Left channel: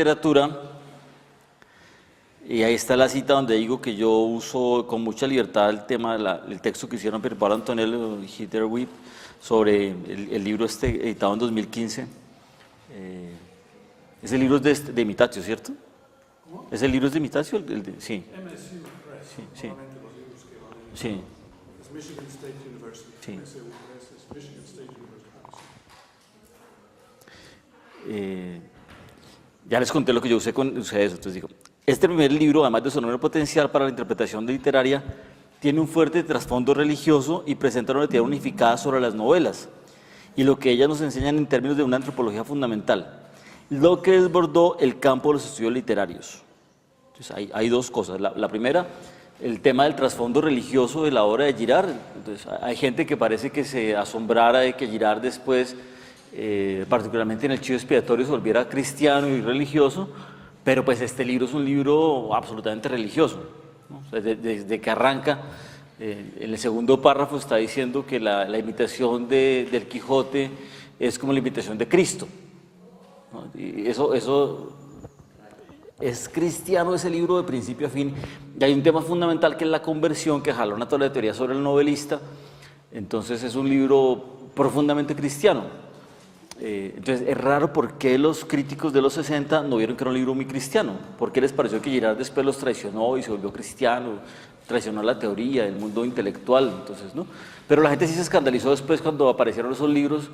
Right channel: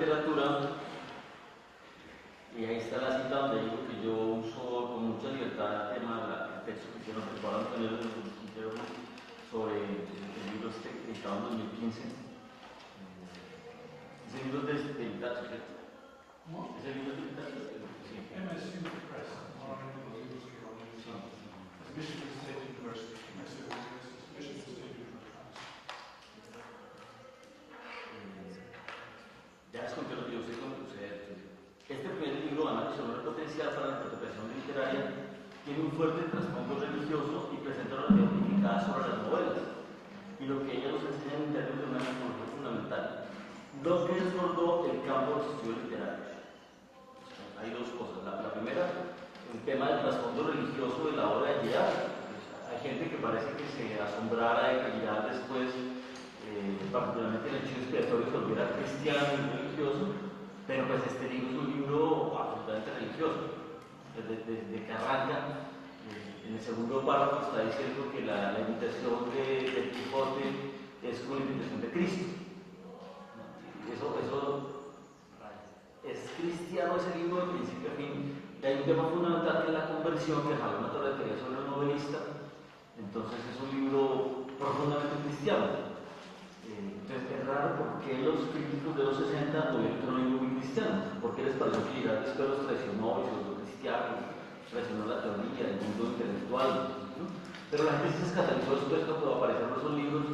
literatura, y ahí está la cita donde digo que yo uso con mucha libertad el tema, el texto que hicieron Pierpaolo Antonello y Hitler Witt sobre el libro editado en 2015. Ese libro es de Imitatio, ¿cierto? ¿Cómo? ¿Ese libro es de Imitatio? Sí. MSc Press, Sí. normalmente los libros que van Sí. es Michigan State University. Sí. Michigan State University. Ya les conté lo que yo usé con ustedes, entonces digo, este primer libro, además de su enorme potencial para la interpretación literaria, tiene un fuerte trasfondo religioso y presenta una teoría unificada sobre las novelas y lo que ellas nos enseñan en términos de una antropología fundamental, lo que desbordó el campo de los estudios literarios. Entonces hay dos cosas. La primera, el tema del trasfondo religioso de la obra de Girard. Entonces, hay gente que parece que se asombrara de que Girard después, particularmente en el Chivo Expiatorio, se volviera cristiano y religioso, pero pues este libro es un libro absolutamente religioso, ¿no? Desde que arranca, en el segundo párrafo está diciendo que la imitación del Quijote es como la imitación de Cristo, ¿no? Y eso es cristiano ese libro de principio a fin. Y hay un tema fundamental que es la conversión, que jalona toda la teoría sobre el novelista. Entonces es un libro profundamente cristiano. Entonces es raro por qué los críticos de los 60 no vieron que era un libro muy cristiano. ¿Por qué les pareció que Girard después los traicionó y se volvió cristiano? Traicionó la teoría, el mundo intelectual, entonces, ¿no? Pero la gente sí se escandalizó después cuando aparecieron esos libros,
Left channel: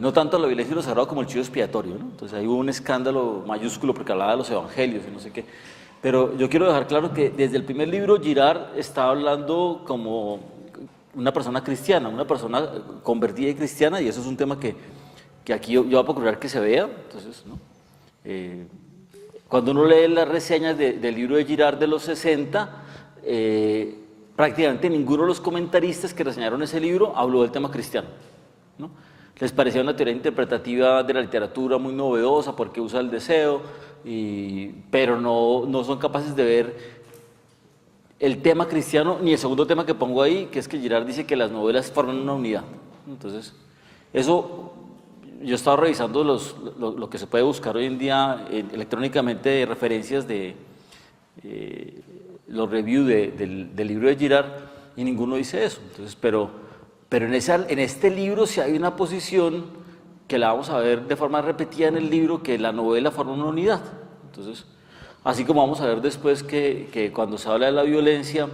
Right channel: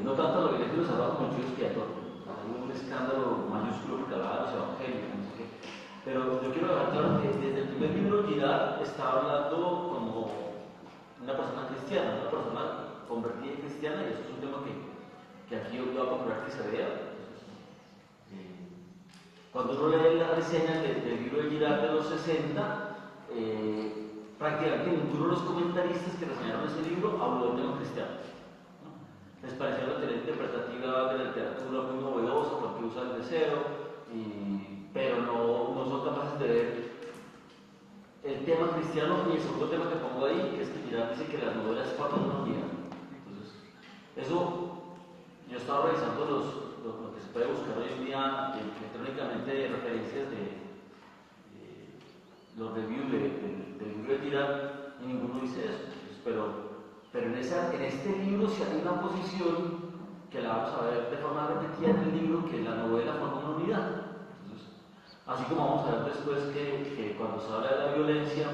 no tanto la violencia y lo sagrado como el chivo expiatorio, ¿no? Entonces ahí hubo un escándalo mayúsculo porque hablaba de los evangelios y no sé qué. Pero yo quiero dejar claro que desde el primer libro Girard estaba hablando como una persona cristiana, una persona convertida y cristiana, y eso es un tema que aquí yo voy a procurar que se vea. Entonces, ¿no? Cuando uno lee las reseñas del libro de Girard de los 60, prácticamente ninguno de los comentaristas que reseñaron ese libro habló del tema cristiano, ¿no? Les parecía una teoría interpretativa de la literatura muy novedosa porque usa el deseo, pero no son capaces de ver el tema cristiano ni el segundo tema que pongo ahí, que es que Girard dice que las novelas forman una unidad. Entonces, eso, yo estaba revisando lo que se puede buscar hoy en día electrónicamente de referencias de los reviews del libro de Girard, y ninguno dice eso. Entonces, pero en este libro sí hay una posición que la vamos a ver de forma repetida en el libro, que la novela forma una unidad. Entonces, así como vamos a ver después que cuando se habla de la violencia,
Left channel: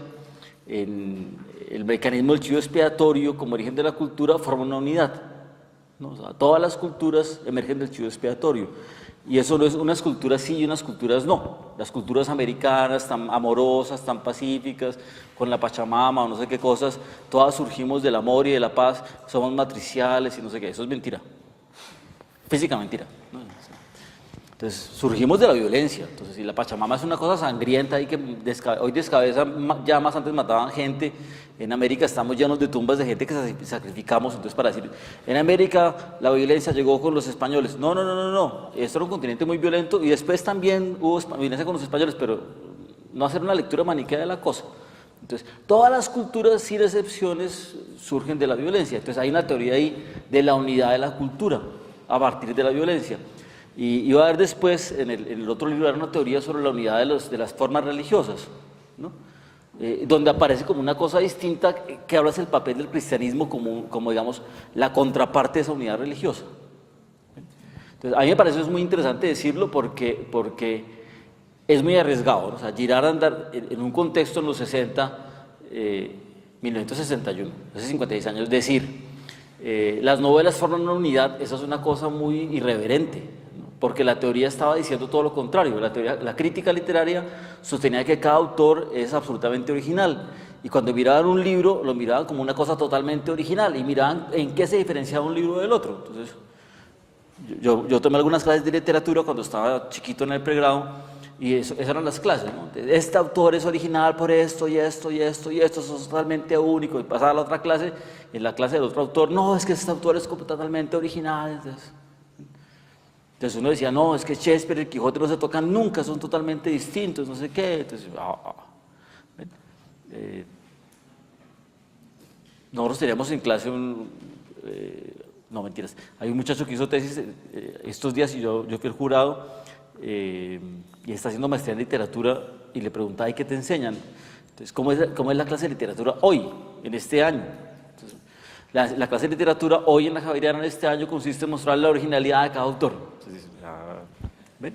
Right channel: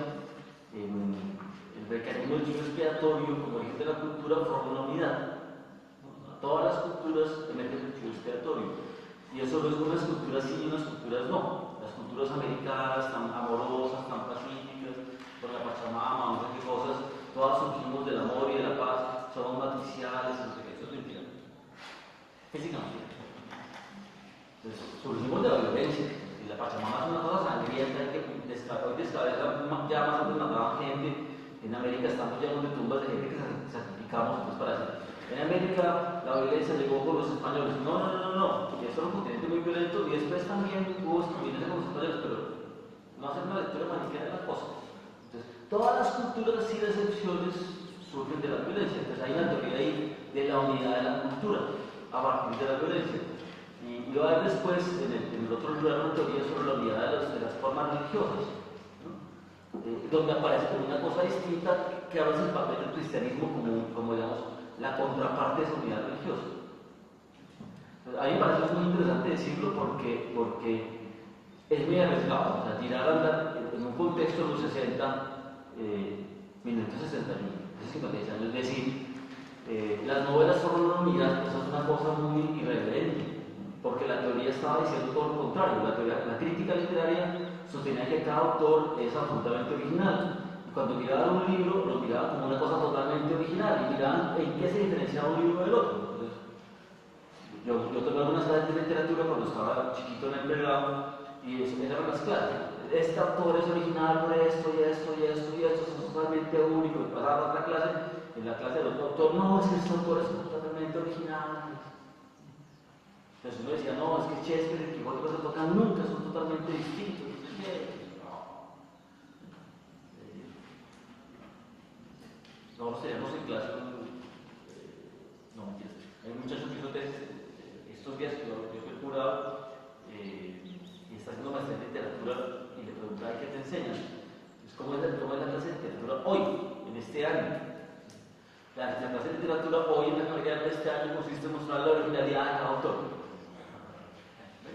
el mecanismo del chivo expiatorio como origen de la cultura forma una unidad, ¿no? O sea, todas las culturas emergen del chivo expiatorio. Y eso no es unas culturas sí y unas culturas no. Las culturas americanas, tan amorosas, tan pacíficas, con la Pachamama o no sé qué cosas, todas surgimos del amor y de la paz, somos matriciales y no sé qué. Eso es mentira. Física mentira, ¿no? Entonces, surgimos de la violencia. Entonces, si la Pachamama es una cosa sangrienta ahí que hoy descabeza llamas, antes mataban gente. En América estamos llenos de tumbas de gente que sacrificamos. Entonces, para decir, en América la violencia llegó con los españoles. No. Esto era un continente muy violento y después también hubo violencia con los españoles, pero no hacer una lectura maniquea de la cosa. Entonces, todas las culturas, sin excepciones, surgen de la violencia. Entonces, hay una teoría ahí de la unidad de la cultura a partir de la violencia. Y va a haber después, en el otro libro, una teoría sobre la unidad de las formas religiosas, ¿no? Donde aparece como una cosa distinta que habla del papel del cristianismo como digamos, la contraparte de esa unidad religiosa. Entonces, a mí me parece muy interesante decirlo porque es muy arriesgado, ¿no? O sea, Girard andar en un contexto en los 60, 1961, hace 56 años, decir, las novelas forman una unidad, esa es una cosa muy irreverente, porque la teoría estaba diciendo todo lo contrario. La crítica literaria sostenía que cada autor es absolutamente original, y cuando miraban un libro, lo miraban como una cosa totalmente original, y miraban en qué se diferenciaba un libro del otro. Entonces, yo tomé algunas clases de literatura cuando estaba chiquito en el pregrado, y esas eran las clases, ¿no? Este autor es original por esto y esto y esto y esto, eso es totalmente único. Y pasaba a la otra clase, y en la clase del otro autor, no, es que este autor es totalmente original. Entonces uno decía, no, es que Shakespeare y el Quijote no se tocan nunca, son totalmente distintos, no sé qué. Entonces, nosotros teníamos en clase no, mentiras, hay un muchacho que hizo tesis estos días, y yo fui el jurado, y está haciendo maestría en literatura y le pregunta, ¿y qué te enseñan? Entonces, ¿cómo es la clase de literatura hoy, en este año? Entonces, la clase de literatura hoy en la Javeriana en este año consiste en mostrar la originalidad de cada autor. Entonces, ¿ven?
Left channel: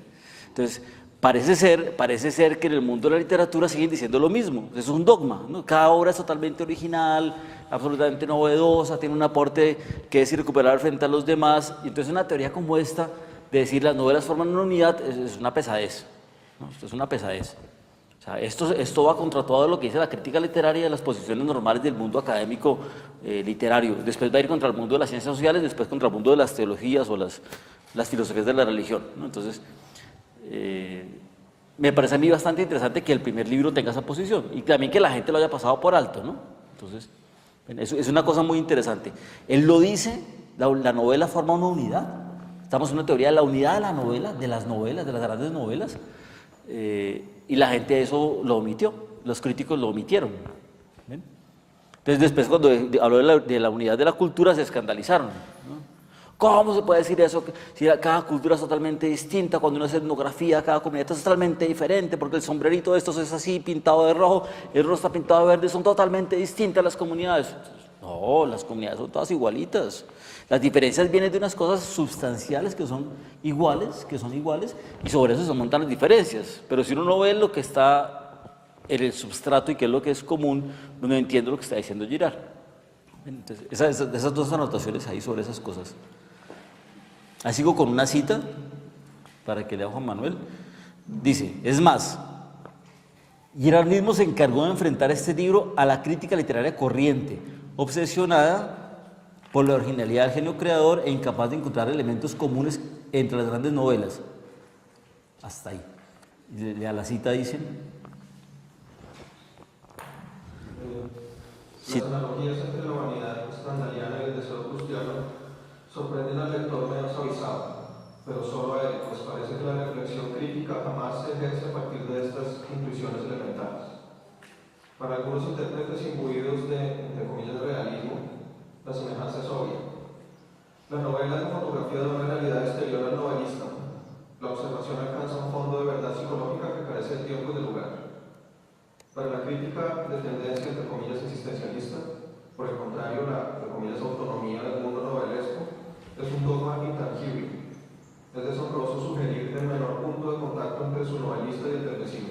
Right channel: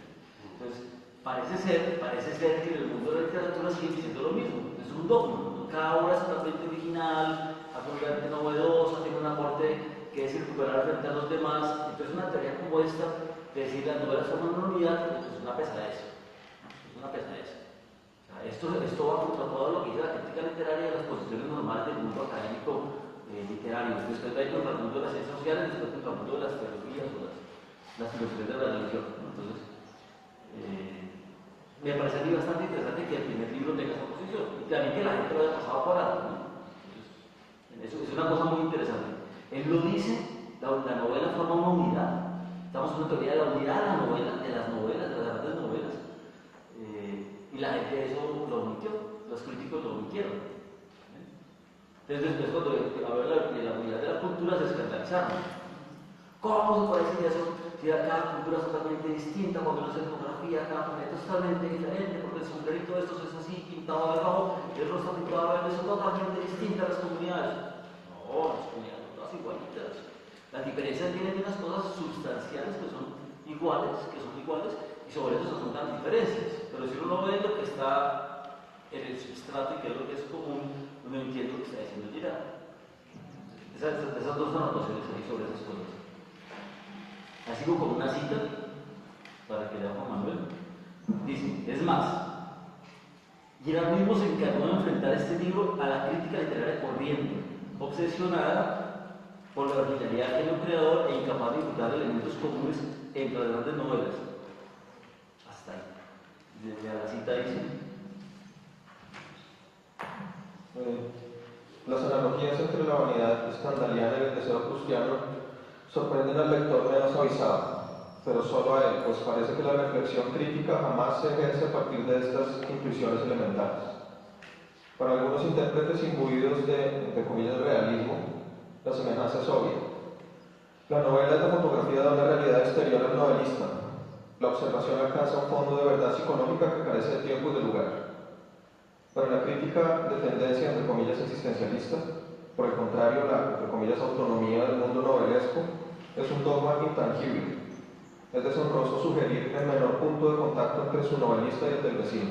Entonces, parece ser que en el mundo de la literatura siguen diciendo lo mismo, es un dogma, ¿no? Cada obra es totalmente original, absolutamente novedosa, tiene un aporte que es irrecuperable frente a los demás, y entonces una teoría como esta, de decir las novelas forman una unidad, es una pesadez, ¿no? Esto es una pesadez. O sea, esto va contra todo lo que dice la crítica literaria de las posiciones normales del mundo académico literario, después va a ir contra el mundo de las ciencias sociales, después contra el mundo de las teologías o las filosofías de la religión, ¿no? Entonces, me parece a mí bastante interesante que el primer libro tenga esa posición y también que la gente lo haya pasado por alto, ¿no? Entonces, es una cosa muy interesante. Él lo dice, la novela forma una unidad. Estamos en una teoría de la unidad de la novela, de las novelas, de las grandes novelas, y la gente eso lo omitió, los críticos lo omitieron. ¿Ven? Entonces después cuando habló de la unidad de la cultura se escandalizaron, ¿no? ¿Cómo se puede decir eso? Si cada cultura es totalmente distinta, cuando uno hace etnografía, cada comunidad es totalmente diferente, porque el sombrerito de estos es así, pintado de rojo, el rojo está pintado de verde, son totalmente distintas las comunidades. No, las comunidades son todas igualitas. Las diferencias vienen de unas cosas sustanciales que son iguales, y sobre eso se montan las diferencias. Pero si uno no ve lo que está en el substrato y qué es lo que es común, no entiende lo que está diciendo Girard. Entonces, esas dos anotaciones ahí sobre esas cosas. Ahí sigo con una cita para que lea Juan Manuel. Dice, es más, Girard mismo se encargó de enfrentar este libro a la crítica literaria corriente, obsesionada por la originalidad del genio creador e incapaz de encontrar elementos comunes entre las grandes novelas. Hasta ahí. Ya la cita dice. Las analogías entre la vanidad escandaliana y el deseo prustiano sorprenden al lector menos avisado, pero solo a él, pues parece que la reflexión crítica jamás se ejerce a partir de estas intuiciones elementales. Para algunos intérpretes imbuidos de, entre comillas, realismo, la semejanza es obvia. La novela es la fotografía de una realidad exterior al novelista. La observación alcanza un fondo de verdad psicológica que carece de tiempo y de lugar. Para la crítica de tendencia, entre comillas, existencialista, por el contrario, la, entre comillas, autonomía del mundo novelesco es un dogma intangible. Es deshonroso sugerir el menor punto de contacto entre su novelista y el del vecino.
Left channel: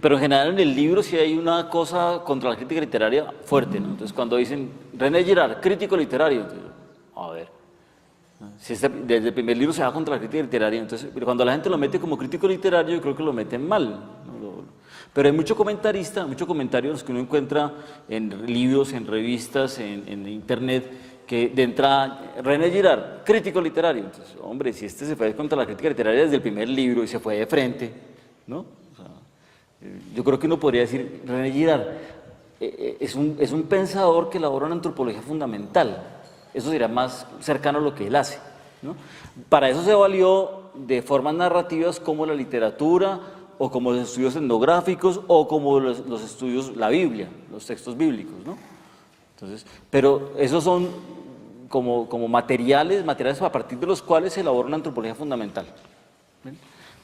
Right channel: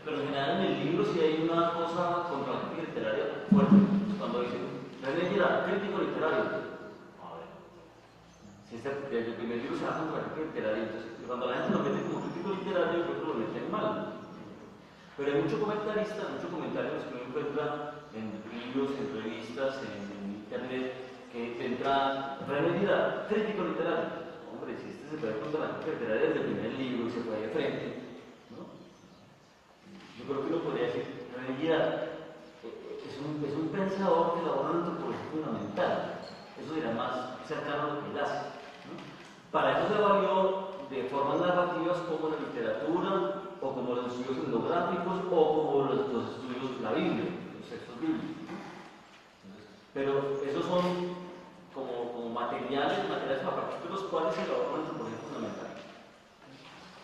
Pero en general en el libro sí hay una cosa contra la crítica literaria fuerte, ¿no? Entonces cuando dicen, René Girard, crítico literario, entonces, a ver, si desde el primer libro se va contra la crítica literaria, entonces cuando la gente lo mete como crítico literario yo creo que lo meten mal. Pero hay mucho comentarista, muchos comentarios que uno encuentra en libros, en revistas, en internet, que de entrada, René Girard, crítico literario. Entonces, hombre, si este se fue contra la crítica literaria desde el primer libro y se fue de frente, ¿no? O sea, yo creo que uno podría decir, René Girard es un pensador que elabora una antropología fundamental. Eso sería más cercano a lo que él hace, ¿no? Para eso se valió de formas narrativas como la literatura, o como los estudios etnográficos, o como los estudios, la Biblia, los textos bíblicos, ¿no? Entonces, pero esos son como materiales a partir de los cuales se elabora una antropología fundamental. ¿Sí?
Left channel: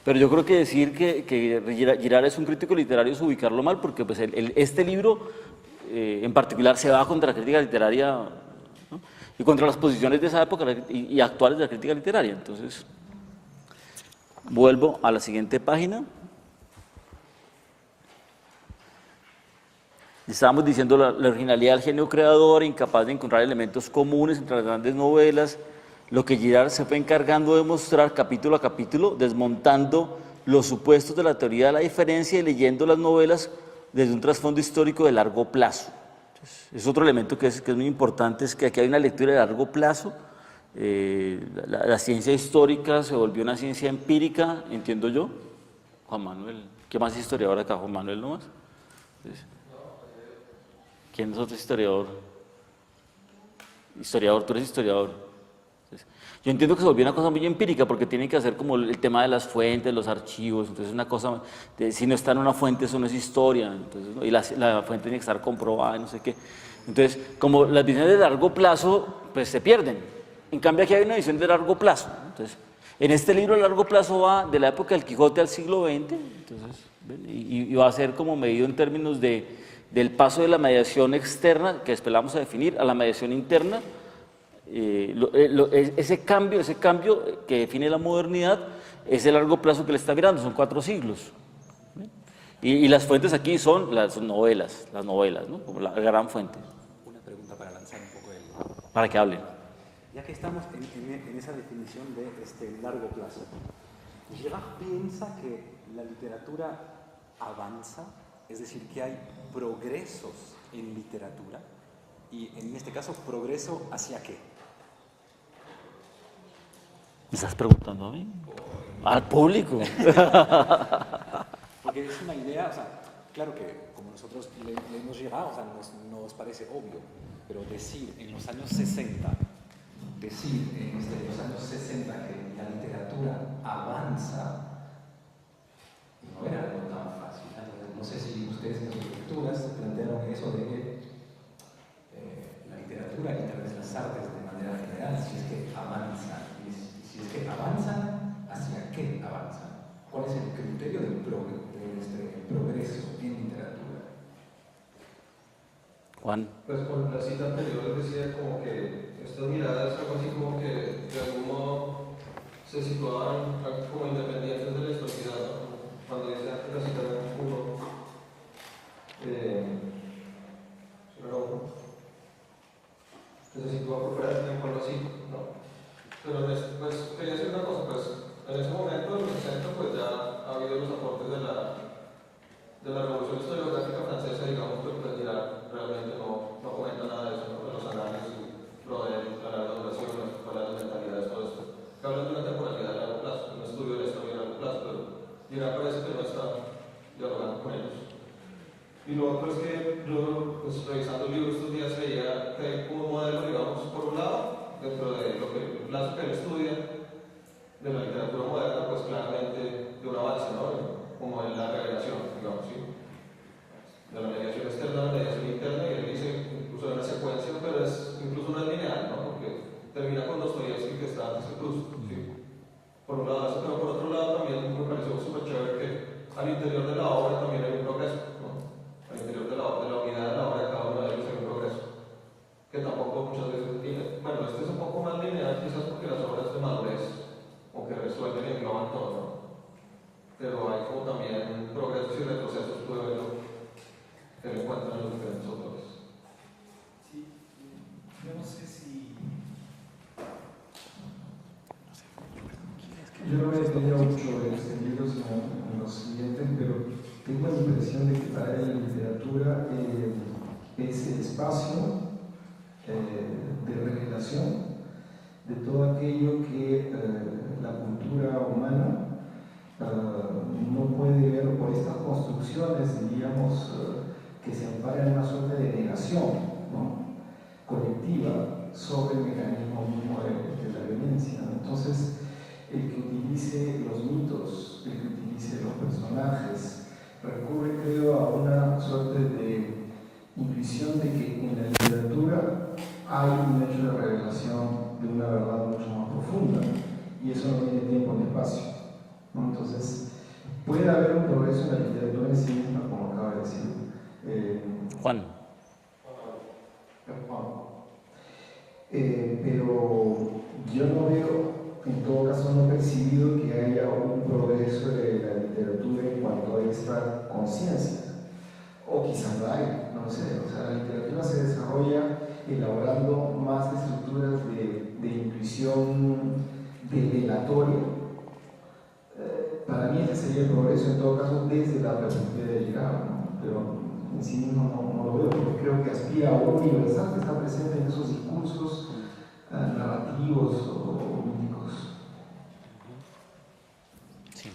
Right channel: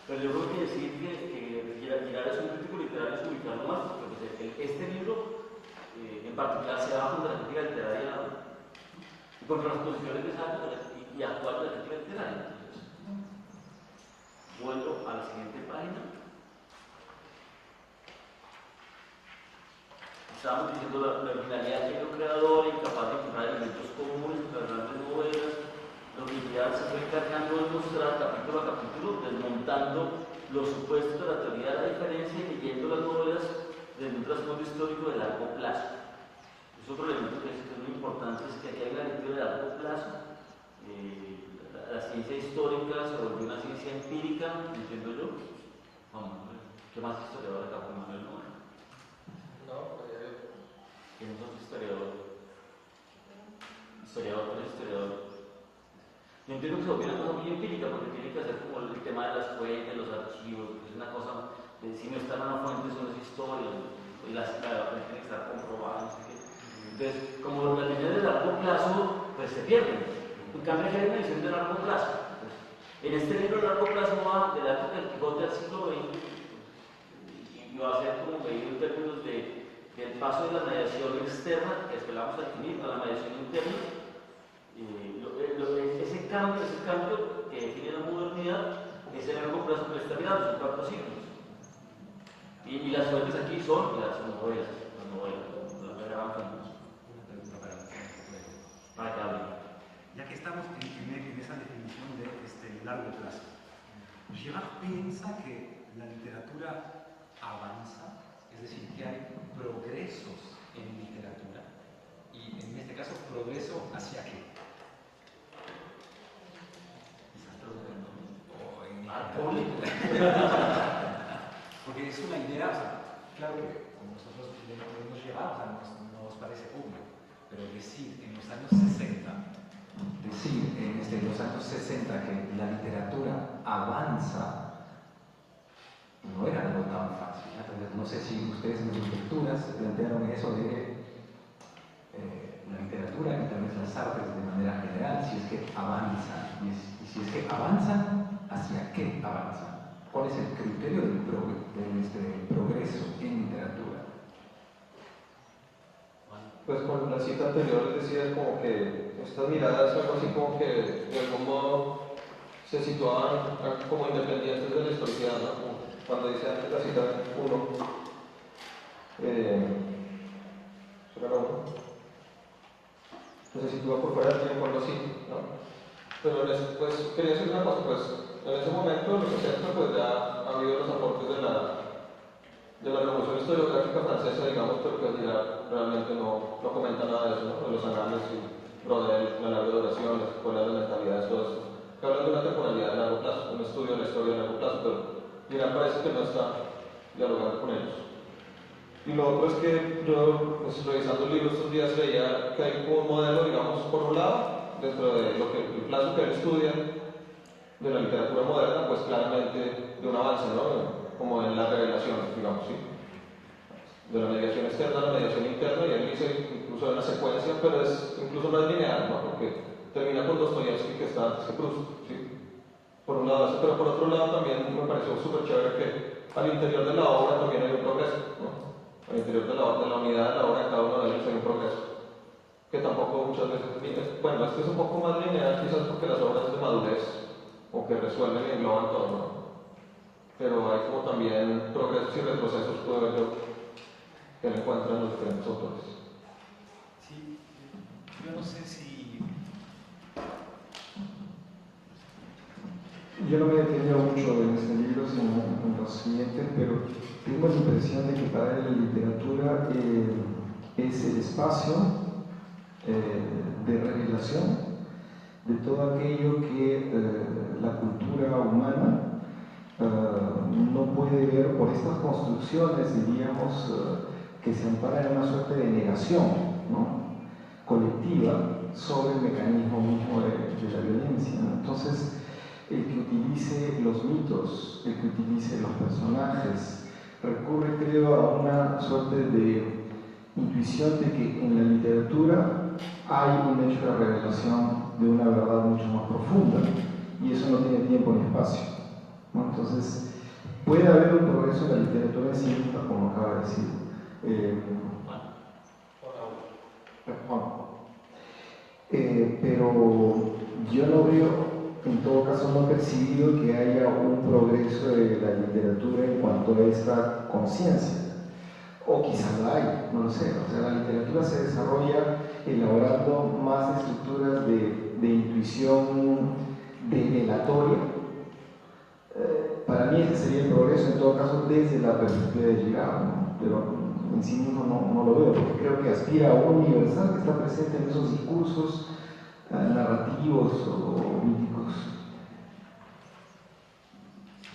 Pero yo creo que decir que Girard es un crítico literario es ubicarlo mal, porque pues este libro en particular se va contra la crítica literaria, ¿no? Y contra las posiciones de esa época y actuales de la crítica literaria. Entonces, vuelvo a la siguiente página. Estábamos diciendo la originalidad del genio creador, incapaz de encontrar elementos comunes entre las grandes novelas, lo que Girard se fue encargando de mostrar capítulo a capítulo, desmontando los supuestos de la teoría de la diferencia y leyendo las novelas desde un trasfondo histórico de largo plazo. Es otro elemento que es muy importante, es que aquí hay una lectura de largo plazo. La ciencia histórica se volvió una ciencia empírica, entiendo yo. Juan Manuel, ¿qué más historiador acá? Juan Manuel nomás. ¿Quién es otro historiador? Historiador, tú eres historiador. Yo entiendo que se volvió una cosa muy empírica porque tienen que hacer como el tema de las fuentes, los archivos, entonces una cosa, si no está en una fuente eso no es historia, entonces, y la fuente tiene que estar comprobada, no sé qué. Entonces, como las visiones de largo plazo, pues se pierden. En cambio aquí hay una visión de largo plazo, ¿no? Entonces, En este libro a largo plazo va de la época del Quijote al siglo XX, entonces, y va a ser como medido en términos del paso de la mediación externa, que después la vamos a definir, a la mediación interna. Ese cambio que define la modernidad es el largo plazo que le está mirando, son 4 siglos. Y las fuentes aquí son las novelas, ¿no? Como la gran fuente. Una pregunta para lanzar un poco el... Para que hablen. Ya que estamos en esa definición de largo plazo, Girard piensa que la literatura avanza, es decir, que hay progresos en literatura, y en este caso, ¿progreso hacia qué? ¿Me estás preguntando a mí? Al público. Porque es una idea, o sea, claro que como nosotros leemos Girard, o sea, nos parece obvio, pero decir en los años 60, que la literatura avanza, no era algo tan fácil. Entonces, no sé si ustedes en sus lecturas plantearon eso de que la literatura y tal vez las artes de manera general, si es que avanzan, y si es que avanzan, ¿hacia qué avanzan? ¿Cuál es el criterio del progreso en literatura? Juan. Pues con la cita anterior les decía como que estas miradas, algo así como que de algún modo se situaban como independientes de la historicidad, ¿no? Como cuando dice antes la cita 1, ¿será 1? Que se sitúa por fuera del tiempo, algo así, ¿no? Pero pues quería decir una cosa, pues en ese momento, en los 60, pues ya ha habido los aportes de la revolución historiográfica francesa, digamos, pero pues ya realmente no comenta nada de eso, ¿no? De los análisis, Brodel, la larga duración, las escuelas de mentalidades, todo esto. Que hablan de una temporalidad de largo plazo, un estudio de la historia de largo plazo, pero mira, parece que no está dialogando con ellos. Y lo otro es que yo, pues revisando el libro estos días, veía que hay como un modelo, digamos, por un lado, dentro de el plazo que él estudia de la literatura moderna, pues claramente de un avance, ¿no? Como en las revelaciones, digamos, ¿sí? De la mediación externa a la mediación interna, y él dice incluso en una secuencia, pero es incluso no es lineal, ¿no? Porque termina con Dostoyevsky, que está antes que Proust, ¿sí? Por un lado eso, pero por otro lado también me pareció súper chévere que al interior de la obra también hay un progreso, ¿no? Al interior de la unidad de la obra de cada uno de ellos hay un progreso, que tampoco muchas veces, bueno, este es un poco más lineal quizás porque las obras de madurez, o que resuelven y engloban todo, ¿no? Pero hay como también progresos y retrocesos, puedo ver yo, que le encuentran los diferentes autores. Sí, yo no sé si... Yo no me detenía mucho en este libro, sino en los siguientes, pero tengo la impresión de que para él la literatura es el espacio de revelación de todo aquello que la cultura humana no puede ver por estas construcciones, diríamos, que se amparan en una suerte de negación, ¿no? Colectiva sobre el mecanismo mismo de la violencia, ¿no? Entonces, el que utilice los mitos, el que utilice los personajes, recurre, creo, a una suerte de intuición de que en la literatura hay un hecho de revelación de una verdad mucho más profunda, y eso no tiene tiempo ni espacio, ¿no? Entonces, puede haber un progreso en la literatura en sí misma, como acaba de decir Juan. Pero yo no veo, en todo caso no he percibido que haya un progreso de la literatura en cuanto a esta conciencia. O quizás la hay, no lo sé. O sea, la literatura se desarrolla elaborando más estructuras de intuición develatoria. Para mí ese sería el progreso, en todo caso, desde la perspectiva de Girard, ¿no? Pero en sí mismo no lo veo, porque creo que aspira a un universal que está presente en esos discursos narrativos o míticos. Sí.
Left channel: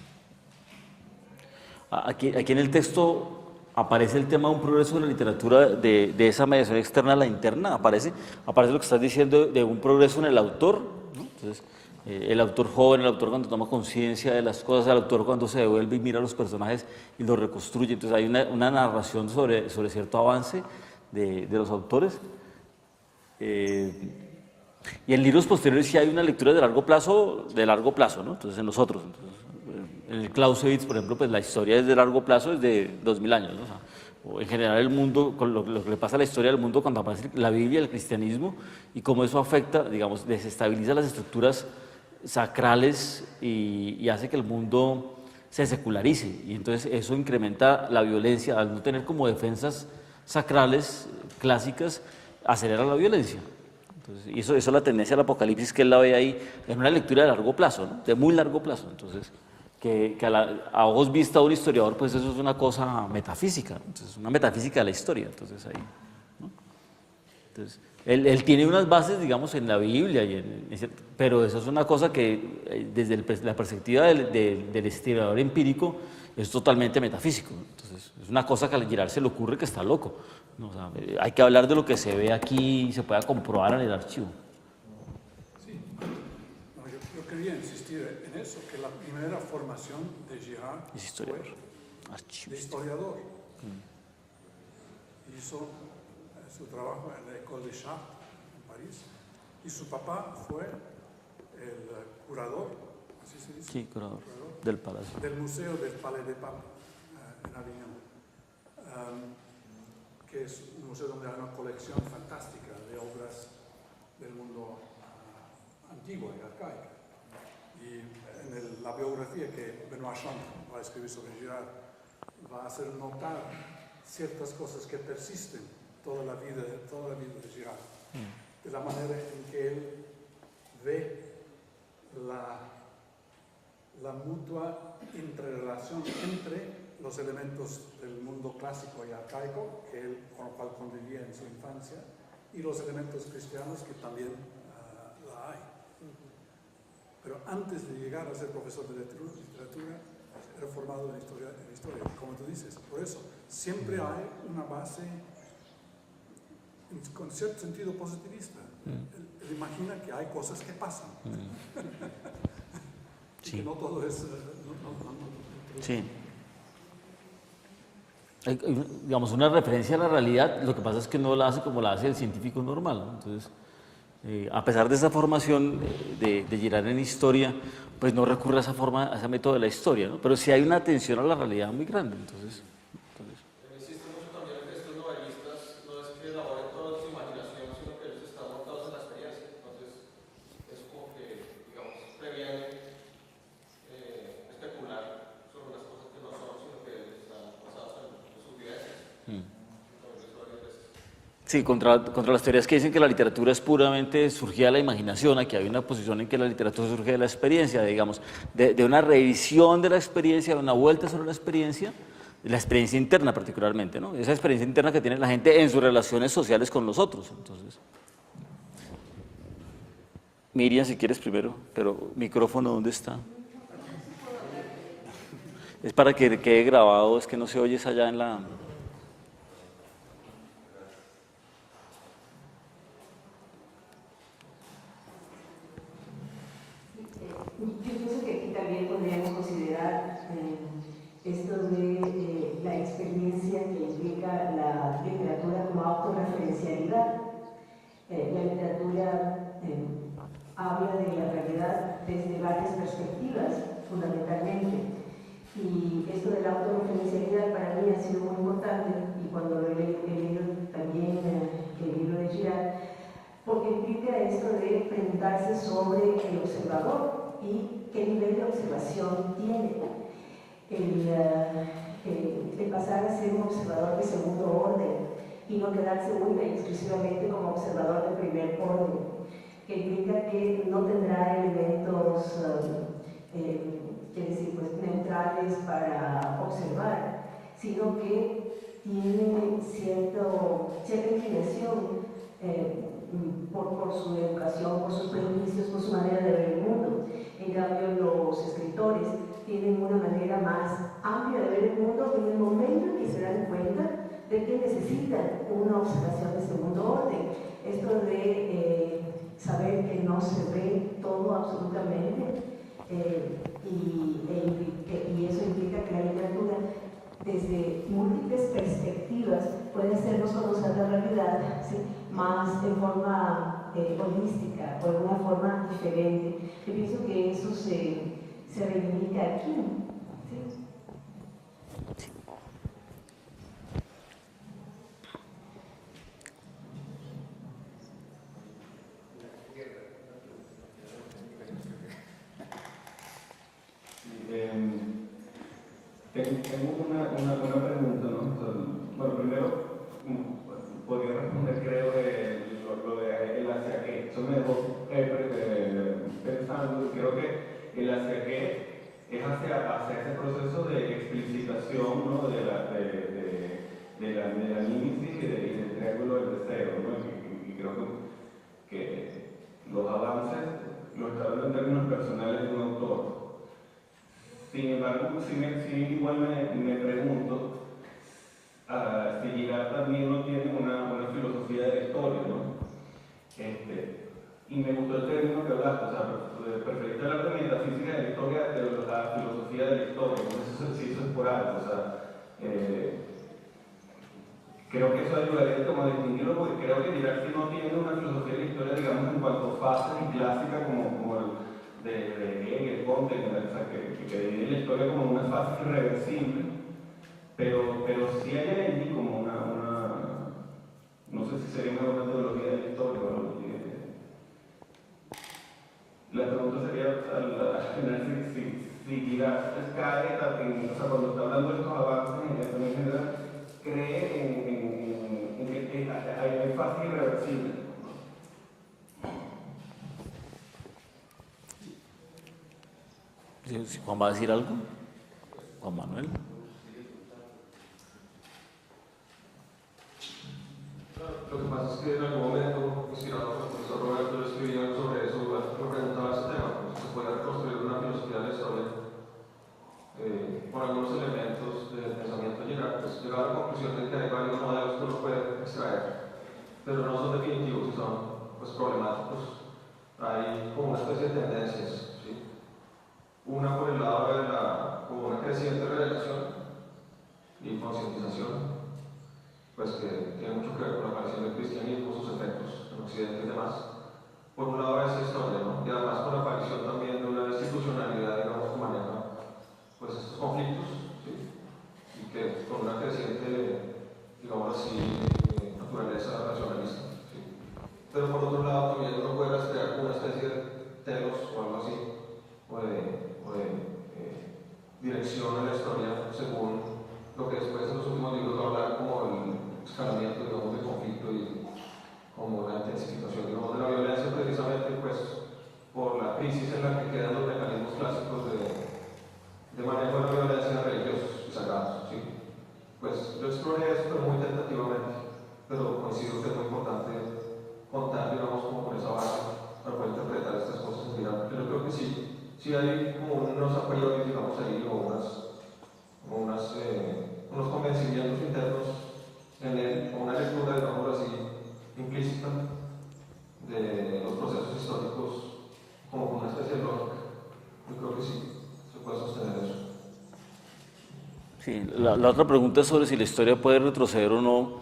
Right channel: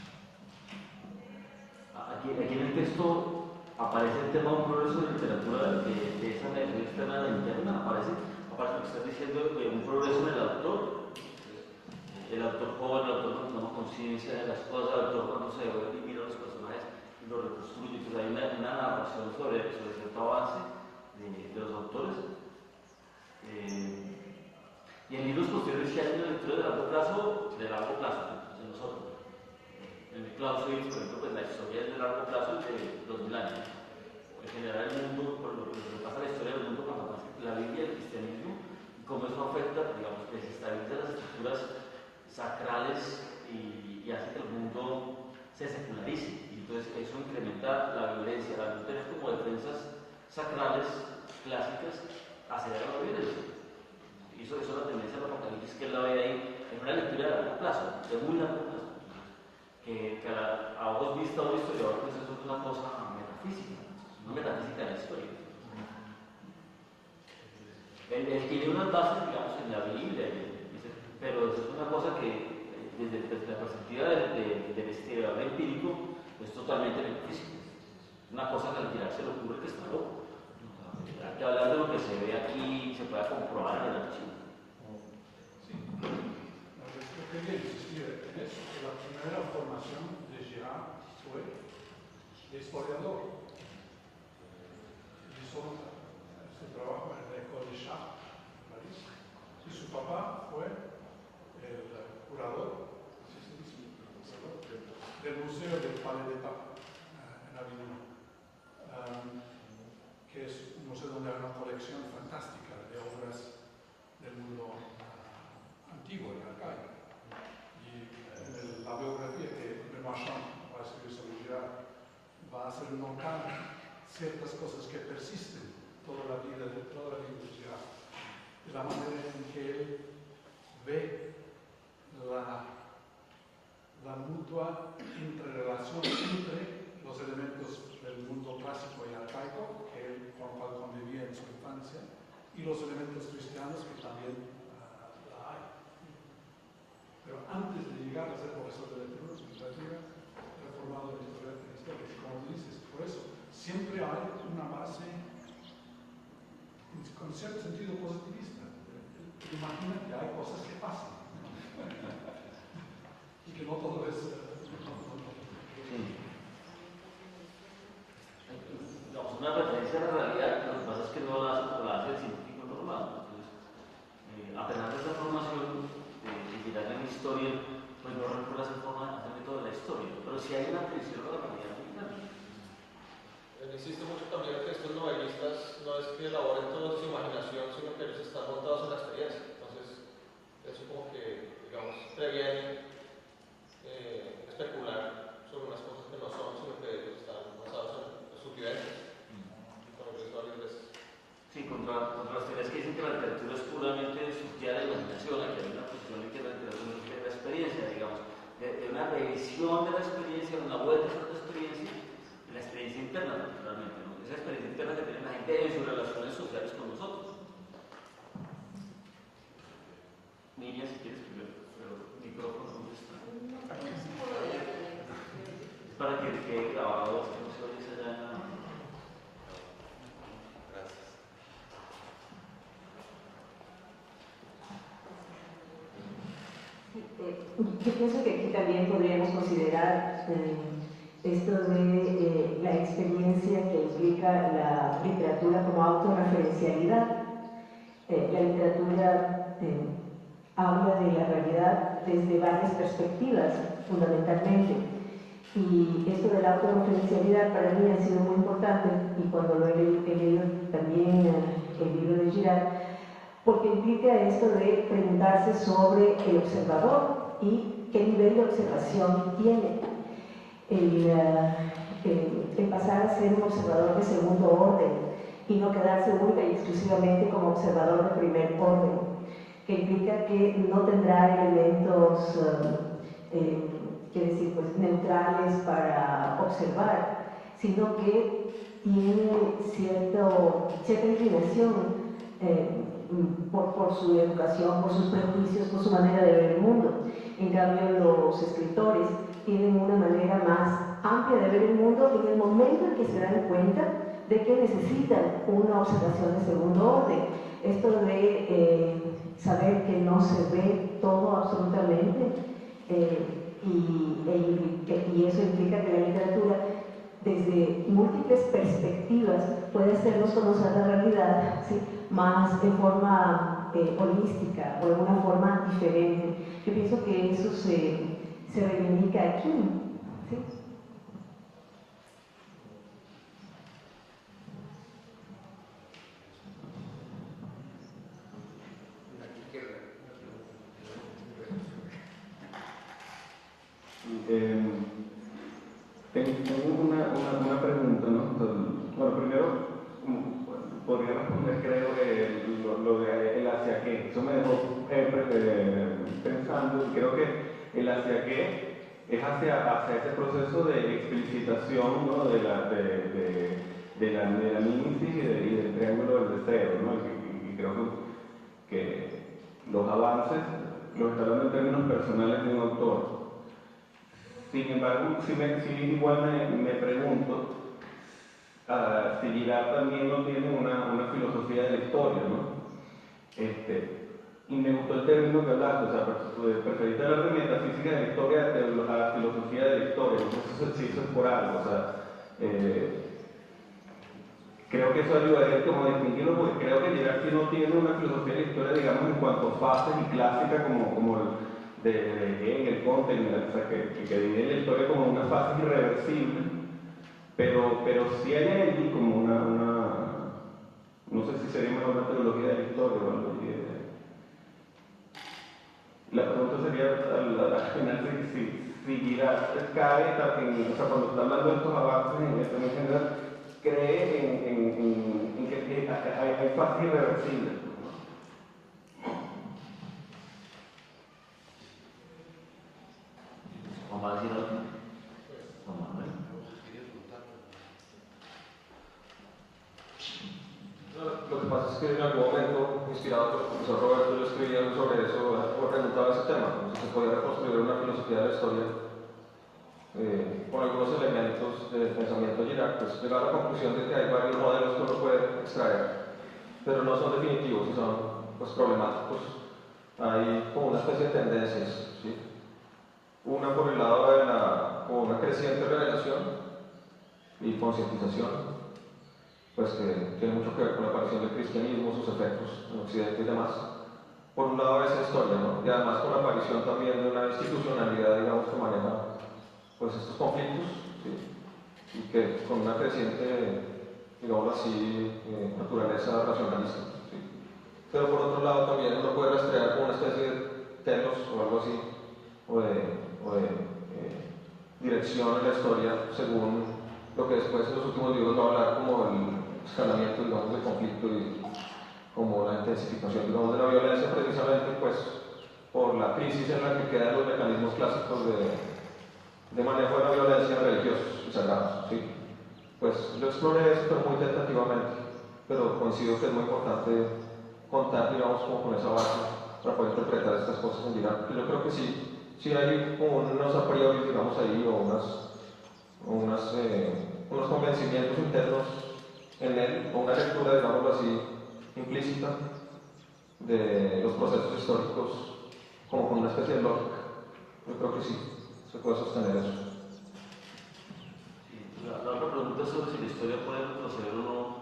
Aquí en el texto aparece el tema de un progreso de la literatura, de esa mediación externa a la interna, aparece lo que estás diciendo de un progreso en el autor, ¿no? Entonces, el autor joven, el autor cuando toma conciencia de las cosas, el autor cuando se devuelve y mira a los personajes y los reconstruye. Entonces hay una narración sobre cierto avance de los autores. Y en libros posteriores sí hay una lectura de largo plazo, ¿no? Entonces en los otros. En el Clausewitz, por ejemplo, pues la historia es de largo plazo, es de 2000 años, ¿no? O sea, o en general el mundo, con lo que le pasa a la historia del mundo cuando aparece la Biblia, el cristianismo, y cómo eso afecta, digamos, desestabiliza las estructuras sacrales y hace que el mundo se secularice. Y entonces eso incrementa la violencia, al no tener como defensas sacrales clásicas, acelera la violencia. Entonces, y eso es la tendencia al apocalipsis que él la ve ahí, en una lectura de largo plazo, ¿no? De muy largo plazo. Entonces, que a ojos vista de un historiador, pues eso es una cosa metafísica, entonces, una metafísica de la historia. Entonces, ahí, ¿no? Entonces, él tiene unas bases, digamos, en la Biblia, pero eso es una cosa que desde la perspectiva del historiador empírico es totalmente metafísico. Entonces, es una cosa que al Girard se le ocurre que está loco, ¿no? O sea, hay que hablar de lo que se ve aquí y se pueda comprobar en el archivo. Sí, no, yo quería insistir en eso, que la primera formación de Girard Es historiador. fue de historiador. Hizo su trabajo en la École des Chartes, en París, y su papá fue el curador, así se dice, Sí, curador del palacio. del Museo del Palais des Papes, en Avignon, que es un museo donde hay una colección fantástica de obras del mundo antiguo y arcaico. Y en la biografía que Benoît Champ va a escribir sobre Girard, va a hacer notar ciertas cosas que persisten toda la vida de Girard, de la manera en que él ve la mutua interrelación entre los elementos del mundo clásico y arcaico, con lo cual convivía en su infancia, y los elementos cristianos que también la hay. Pero antes de llegar a ser profesor de literatura, era formado en historia, como tú dices. Por eso, siempre hay una base con cierto sentido positivista. Él imagina que hay cosas que pasan. Y que no todo es... Sí. Digamos, una referencia a la realidad, lo que pasa es que no la hace como la hace el científico normal, ¿no? Entonces, a pesar de esa formación de Girard en historia, pues no recurre a esa forma, a ese método de la historia, ¿no? Pero sí hay una atención a la realidad muy grande. Entonces, Existe mucho también que estos novelistas no es que elaboren toda su imaginación, sino que ellos están montados en la experiencia. Entonces, eso como que, digamos, previene especular sobre unas cosas que no son, sino que ellos están basados en sus vivencias. sí, contra las teorías que dicen que la literatura es puramente surgida de la imaginación, aquí hay una posición en que la literatura surge de la experiencia, digamos, de una revisión de la experiencia, de una vuelta sobre la experiencia interna particularmente, ¿no? Esa experiencia interna que tiene la gente en sus relaciones sociales con los otros. Entonces, Miriam, si quieres primero, pero micrófono, ¿dónde está? Es para que quede grabado, es que no se oye allá en la... Yo pienso que aquí también podríamos considerar esto de la experiencia que implica la literatura como autorreferencialidad. La literatura habla de la realidad desde varias perspectivas, fundamentalmente. Y esto de la autorreferencialidad para mí ha sido muy importante, y cuando lo he leído también el libro de Girard, porque implica esto de preguntarse sobre el observador y qué nivel de observación tiene. El pasar a ser un observador de segundo orden y no quedarse única y exclusivamente como observador de primer orden, que implica que no tendrá elementos pues, neutrales para observar, sino que tiene cierta inclinación por su educación, por sus prejuicios, por su manera de ver el mundo. En cambio, los escritores tienen una manera más amplia de ver el mundo en el momento en que se dan cuenta de que necesitan una observación de segundo orden. Esto de saber que no se ve todo absolutamente, y eso implica que la literatura, desde múltiples perspectivas, puede hacernos conocer la realidad, ¿sí? Más en forma forma holística o de una forma diferente. Yo pienso que eso se reivindica aquí, ¿sí? Tengo una pregunta, ¿no? Bueno, primero, podría responder, creo, lo de el hacia qué. Eso me dejó pensando, y creo que el hacia qué es hacia ese proceso de explicitación, ¿no? de la mímesis y del triángulo del deseo, ¿no? Y creo que los avances los está hablando en términos personales de un autor. Sin embargo, igual me pregunto si Girard también no tiene una filosofía de la historia, ¿no? Y me gustó el término que hablaste, o sea, preferiste hablar de metafísica de la historia a la filosofía de la historia, entonces se hizo por algo, o sea, creo que eso ayudaría como a distinguirlo, porque creo que Girard sí no tiene una filosofía de la historia, digamos, en cuanto a fases y clásicas como de Hegel, Comte, o sea, que divide la historia como una fase irreversible, pero sí hay allí como no sé si sería mejor la teología de la historia o algo así. La pregunta sería al final si Girard cae, o sea, cuando está hablando de estos avances en general, cree en que hay fases irreversibles. Si Juan va a decir algo, Juan Manuel. Lo que pasa es que en algún momento, inspirado por el profesor Roberto, yo escribiendo sobre eso, me preguntaba ese tema, si se podía reconstruir una filosofía de la historia con algunos elementos del pensamiento de Girard, pues llegar a la conclusión de que hay varios modelos que uno puede extraer, pero no son definitivos y son pues, problemáticos. Hay como una especie de tendencias, ¿sí? Una por el lado de una creciente revelación y concientización, pues que tiene mucho que ver con la aparición del cristianismo, sus efectos en Occidente y demás. Por un lado esa historia, ¿no? Y además con la aparición también de una institucionalidad, digamos, que maneja pues, estos conflictos, ¿sí? Y que con una creciente, digamos así, naturaleza racionalista, ¿sí? Pero por otro lado también uno puede rastrear una especie de telos o algo así, o de dirección en la historia según lo que después en los últimos libros va a hablar como el escalamiento, digamos, del conflicto y como la intensificación, digamos, de la violencia, precisamente pues por la crisis en la que quedan los mecanismos clásicos de manejo de la violencia religiosos y sagrados, ¿sí? Pues yo exploré esto pero muy tentativamente, pero coincido que es muy importante contar, digamos, como con esa base para poder interpretar estas cosas en Girard. Yo creo que sí hay como unos a priori, digamos, ahí, o unos convencimientos internos en él, o una lectura, digamos así, implícita de los procesos históricos, como con una especie de lógica. Yo creo que sí, se puede sostener eso. Sí, la otra pregunta es sobre si la historia puede retroceder o no.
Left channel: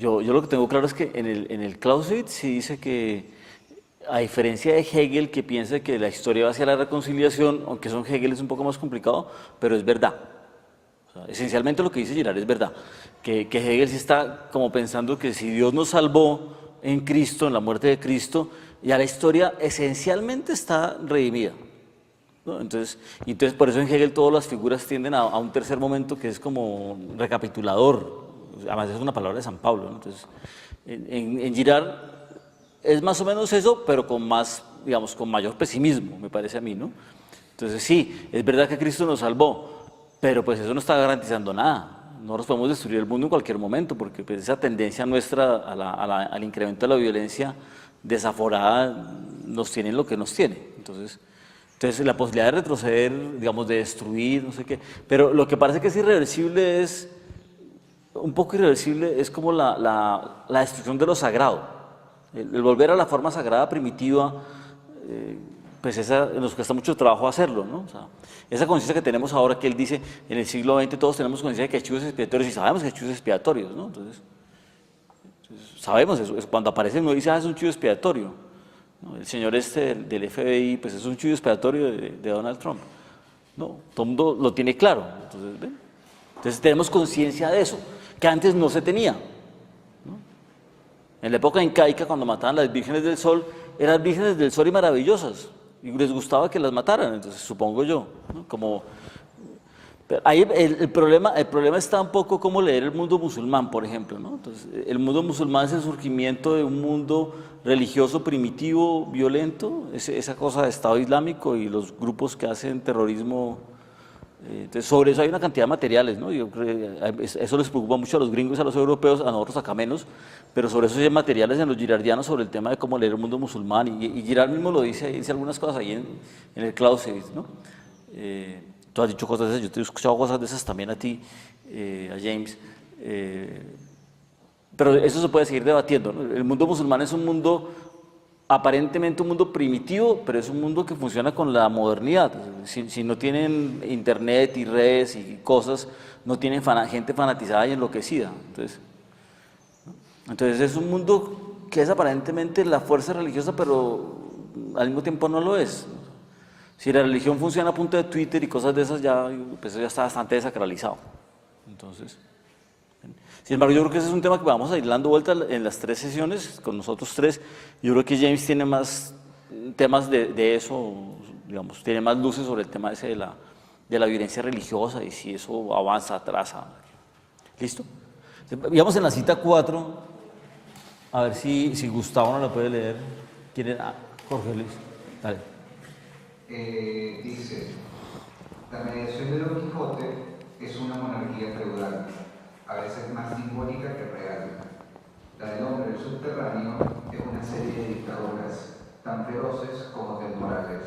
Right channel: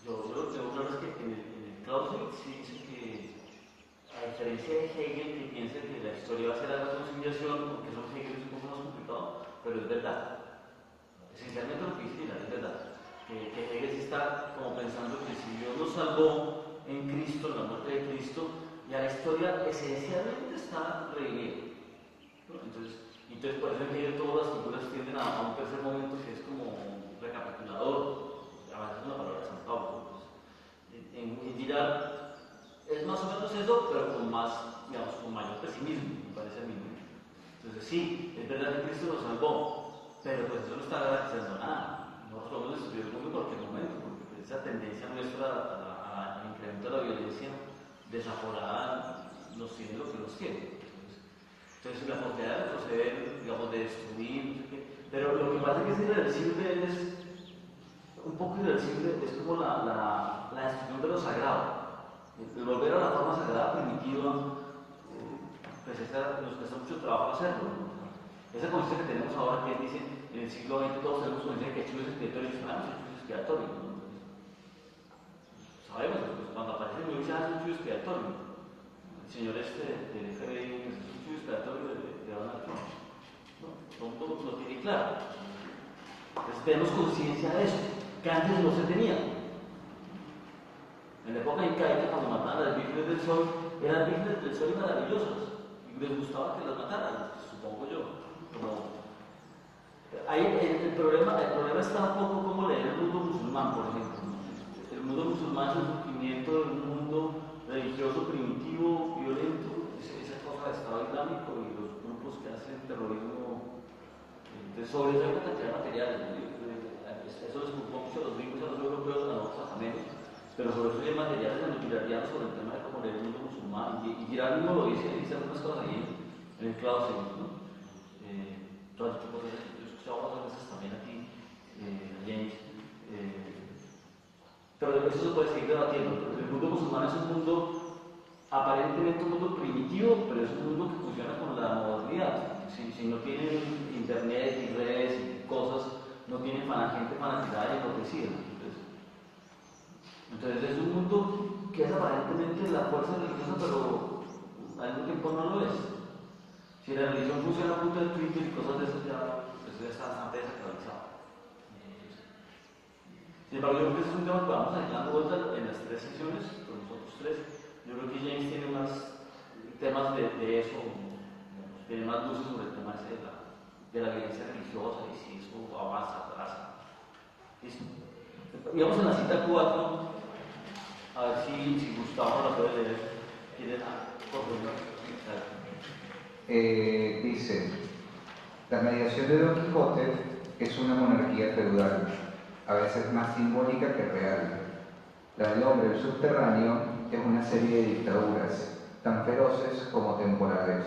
Yo lo que tengo claro es que en el Clausewitz sí dice que, a diferencia de Hegel, que piensa que la historia va hacia la reconciliación, aunque eso en Hegel es un poco más complicado, pero es verdad. O sea, esencialmente lo que dice Girard es verdad. Que Hegel sí está como pensando que si Dios nos salvó en Cristo, en la muerte de Cristo, ya la historia esencialmente está redimida, ¿no? Entonces por eso en Hegel todas las figuras tienden a un tercer momento que es como recapitulador, además es una palabra de San Pablo, ¿no? Entonces en Girard es más o menos eso, pero con más, digamos, con mayor pesimismo, me parece a mí, ¿no? Entonces sí, es verdad que Cristo nos salvó, pero pues eso no está garantizando nada. Nosotros podemos destruir el mundo en cualquier momento, porque pues, esa tendencia nuestra al incremento de la violencia desaforada nos tiene lo que nos tiene. Entonces la posibilidad de retroceder, digamos, de destruir, no sé qué. Pero lo que parece que es irreversible es, un poco irreversible, es como la destrucción de lo sagrado. El volver a la forma sagrada primitiva, pues nos cuesta mucho trabajo hacerlo, ¿no? O sea, esa conciencia que tenemos ahora, que él dice, en el siglo XX todos tenemos conciencia de que hay chivos expiatorios y sabemos que hay chivos expiatorios, ¿no? Entonces sabemos eso, es cuando aparece no dice, es un chivo expiatorio, ¿no? El señor este del FBI, pues es un chivo expiatorio de Donald Trump, ¿no? Todo el mundo lo tiene claro, entonces, ¿ven? Entonces tenemos conciencia de eso, que antes no se tenía, ¿no? En la época incaica, cuando mataban las vírgenes del sol, eran vírgenes del sol y maravillosas, y les gustaba que las mataran, entonces supongo yo, ¿no? Como, ahí el problema está un poco como leer el mundo musulmán, por ejemplo, ¿no? Entonces, el mundo musulmán es el surgimiento de un mundo religioso primitivo, violento, esa cosa de Estado Islámico y los grupos que hacen terrorismo. Entonces, sobre eso hay una cantidad de materiales, ¿no? Yo creo que eso les preocupa mucho a los gringos y a los europeos, a nosotros acá menos, pero sobre eso hay materiales en los girardianos sobre el tema de cómo leer el mundo musulmán, y Girard mismo lo dice algunas cosas ahí en el Clausewitz, ¿no? Tú has dicho cosas de esas, yo te he escuchado cosas de esas también a ti, a James, pero eso se puede seguir debatiendo, ¿no? El mundo musulmán es un mundo, aparentemente un mundo primitivo, pero es un mundo que funciona con la modernidad. Si no tienen internet y redes y cosas, no tienen gente fanatizada y enloquecida. Entonces es un mundo que es aparentemente la fuerza religiosa, pero al mismo tiempo no lo es. Si la religión funciona a punto de Twitter y cosas de esas, pues ya está bastante desacralizado. Entonces, sin embargo, yo creo que ese es un tema que vamos a ir dando vuelta en las 3 sesiones, con nosotros 3. Yo creo que James tiene más temas de eso, digamos, tiene más luces sobre el tema ese de la violencia religiosa y si eso avanza, atrasa. ¿Listo? Digamos en la cita 4, a ver si Gustavo no la puede leer. ¿Quiere? Jorge Luis. Dale. Dice, la mediación de Don Quijote es una monarquía feudal, a veces más simbólica que real. La del hombre del subterráneo es una serie de dictaduras, tan feroces como temporales.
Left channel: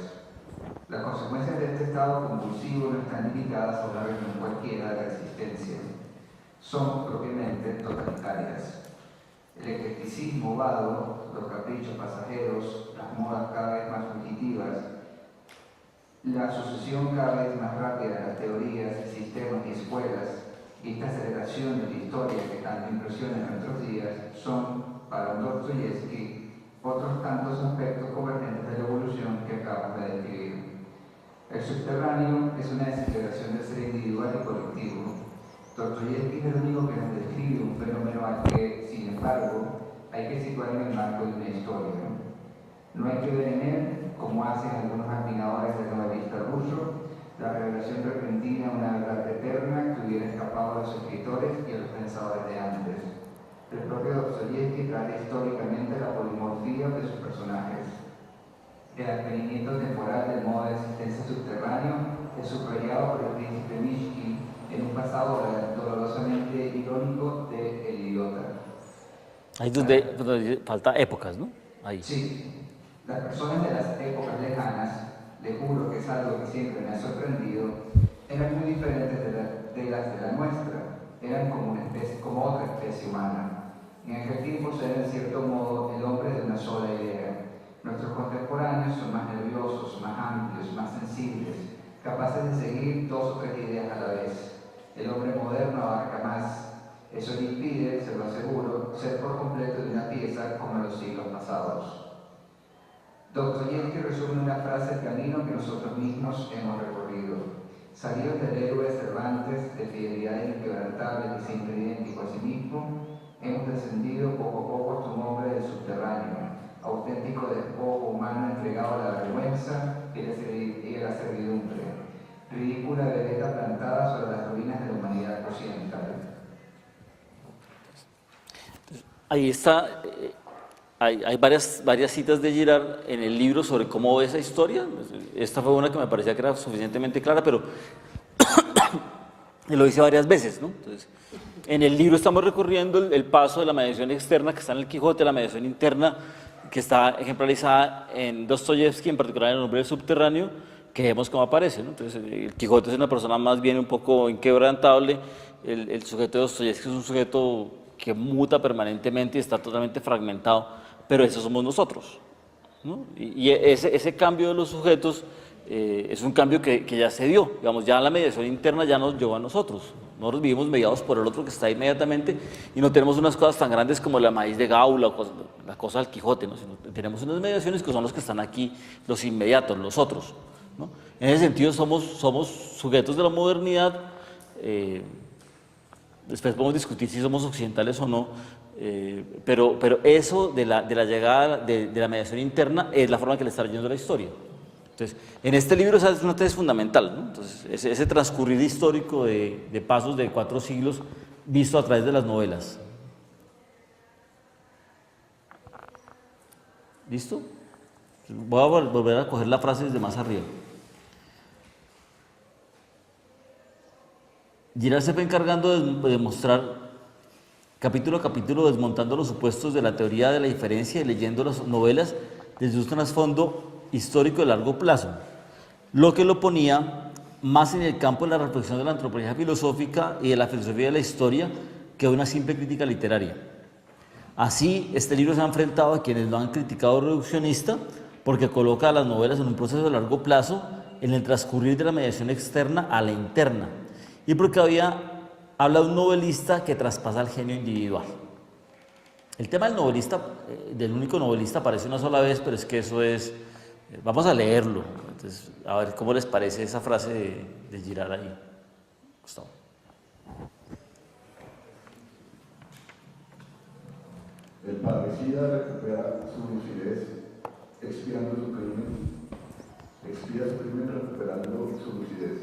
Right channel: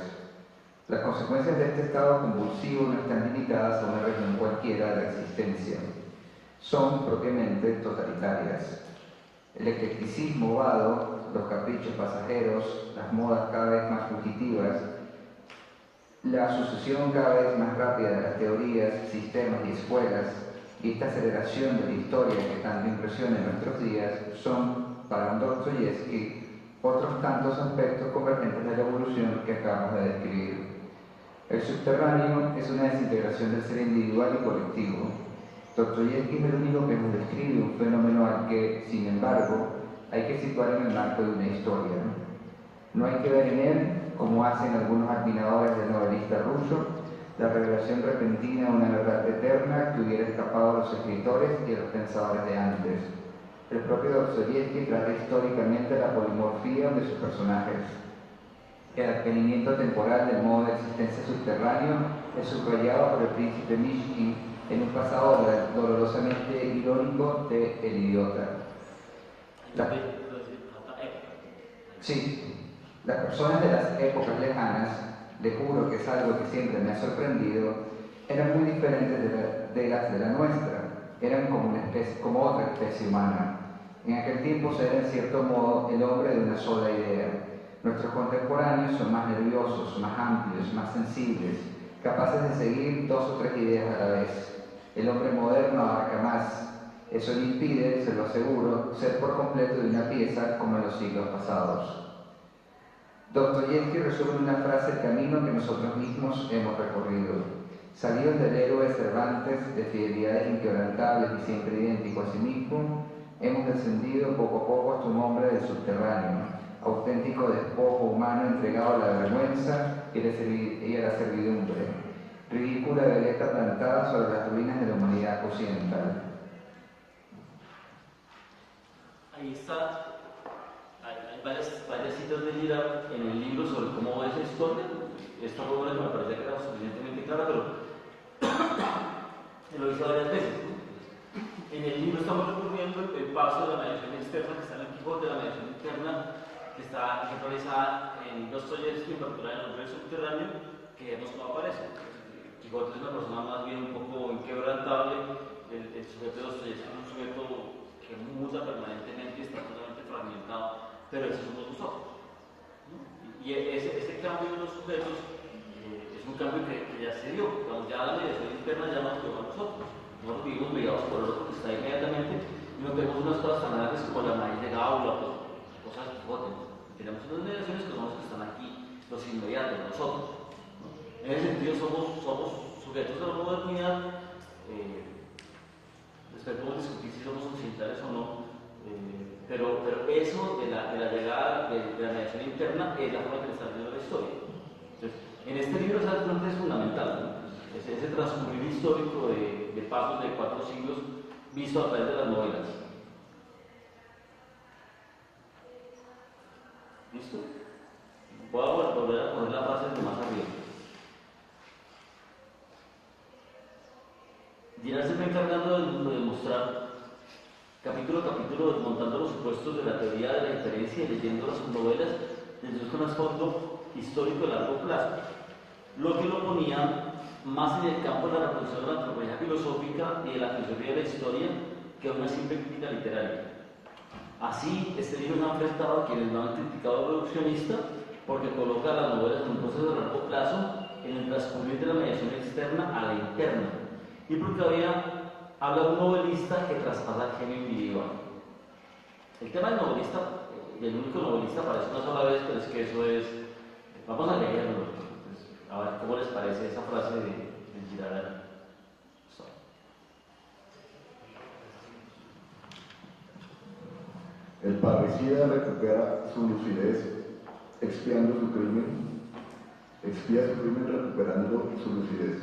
Las consecuencias de este estado convulsivo no están limitadas a una región cualquiera de la existencia. Son propiamente totalitarias. El eclecticismo vado, los caprichos pasajeros, las modas cada vez más fugitivas, la sucesión cada vez más rápida de las teorías, sistemas y escuelas, y esta aceleración de la historia que tanto impresiona en nuestros días son, para un Dostoyevsky, otros tantos aspectos convergentes de la evolución que acabamos de describir. El subterráneo es una desintegración del ser individual y colectivo. Dostoyevsky es el único que nos describe un fenómeno al que, sin embargo, hay que situar en el marco de una historia. No hay que ver en él, como hacen algunos admiradores del novelista ruso, la revelación repentina de una verdad eterna que hubiera escapado a los escritores y a los pensadores de antes. El propio Dostoyevsky trata históricamente la polimorfía de sus personajes. El advenimiento temporal del modo de existencia subterráneo es subrayado por el príncipe Mishkin en un pasado dolorosamente irónico de El idiota. Ahí donde falta épocas, ¿no? Ahí. Sí. Las personas de las épocas lejanas, le juro que es algo que siempre me ha sorprendido, eran muy diferentes de las de la nuestra, eran como otra especie humana. En aquel tiempo se era en cierto modo el hombre de una sola idea. Nuestros contemporáneos son más nerviosos, más amplios, más sensibles, capaces de seguir 2 o 3 ideas a la vez. El hombre moderno abarca más. Eso le impide, se lo aseguro, ser por completo de una pieza como en los siglos pasados. Dostoyevsky resume en una frase el camino que nosotros mismos hemos recorrido. Salidos del héroe Cervantes, de fidelidades inquebrantables y siempre idéntico a sí mismo, hemos descendido poco a poco hasta un hombre del subterráneo, auténtico despojo humano entregado a la vergüenza y a la servidumbre, ridícula veleta plantada sobre las ruinas de la humanidad occidental. Ahí está. Hay varias citas de Girard en el libro sobre cómo ve esa historia. Esta fue una que me parecía que era suficientemente clara, pero lo dice varias veces, ¿no? Entonces, en el libro estamos recorriendo el paso de la mediación externa que está en el Quijote, la mediación interna que está ejemplarizada en Dostoyevsky, en particular en El hombre del subterráneo, que vemos cómo aparece, ¿no? Entonces, el Quijote es una persona más bien un poco inquebrantable, el sujeto de Dostoyevsky es un sujeto que muta permanentemente y está totalmente fragmentado, pero esos somos nosotros, ¿no? Y ese cambio de los sujetos es un cambio que ya se dio, digamos, ya la mediación interna ya nos llevó a nosotros. Nosotros vivimos mediados por el otro que está inmediatamente y no tenemos unas cosas tan grandes como la maíz de Gaula, la cosa del Quijote, ¿no? Sino tenemos unas mediaciones que son los que están aquí, los inmediatos, los otros, ¿no? En ese sentido somos sujetos de la modernidad. Después podemos discutir si somos occidentales o no, pero eso de la llegada de la mediación interna es la forma en que le está leyendo la historia. Entonces, en este libro esa es una tesis fundamental, ¿no? Entonces, ese transcurrir histórico de pasos de 4 siglos visto a través de las novelas. ¿Listo? Voy a volver a coger la frase desde más arriba. Girard se fue encargando de demostrar capítulo a capítulo, desmontando los supuestos de la teoría de la diferencia y leyendo las novelas desde un trasfondo histórico de largo plazo, lo que lo ponía más en el campo de la reflexión de la antropología filosófica y de la filosofía de la historia que una simple crítica literaria. Así, este libro se ha enfrentado a quienes lo han criticado reduccionista porque coloca a las novelas en un proceso de largo plazo en el transcurrir de la mediación externa a la interna, y porque habla de un novelista que traspasa el genio individual. El tema del novelista, del único novelista, aparece una sola vez, pero es que eso es... Vamos a leerlo. Entonces, a ver cómo les parece esa frase de Girard ahí. Gustavo. El parricida recupera su lucidez expiando su crimen, expía su crimen recuperando su lucidez.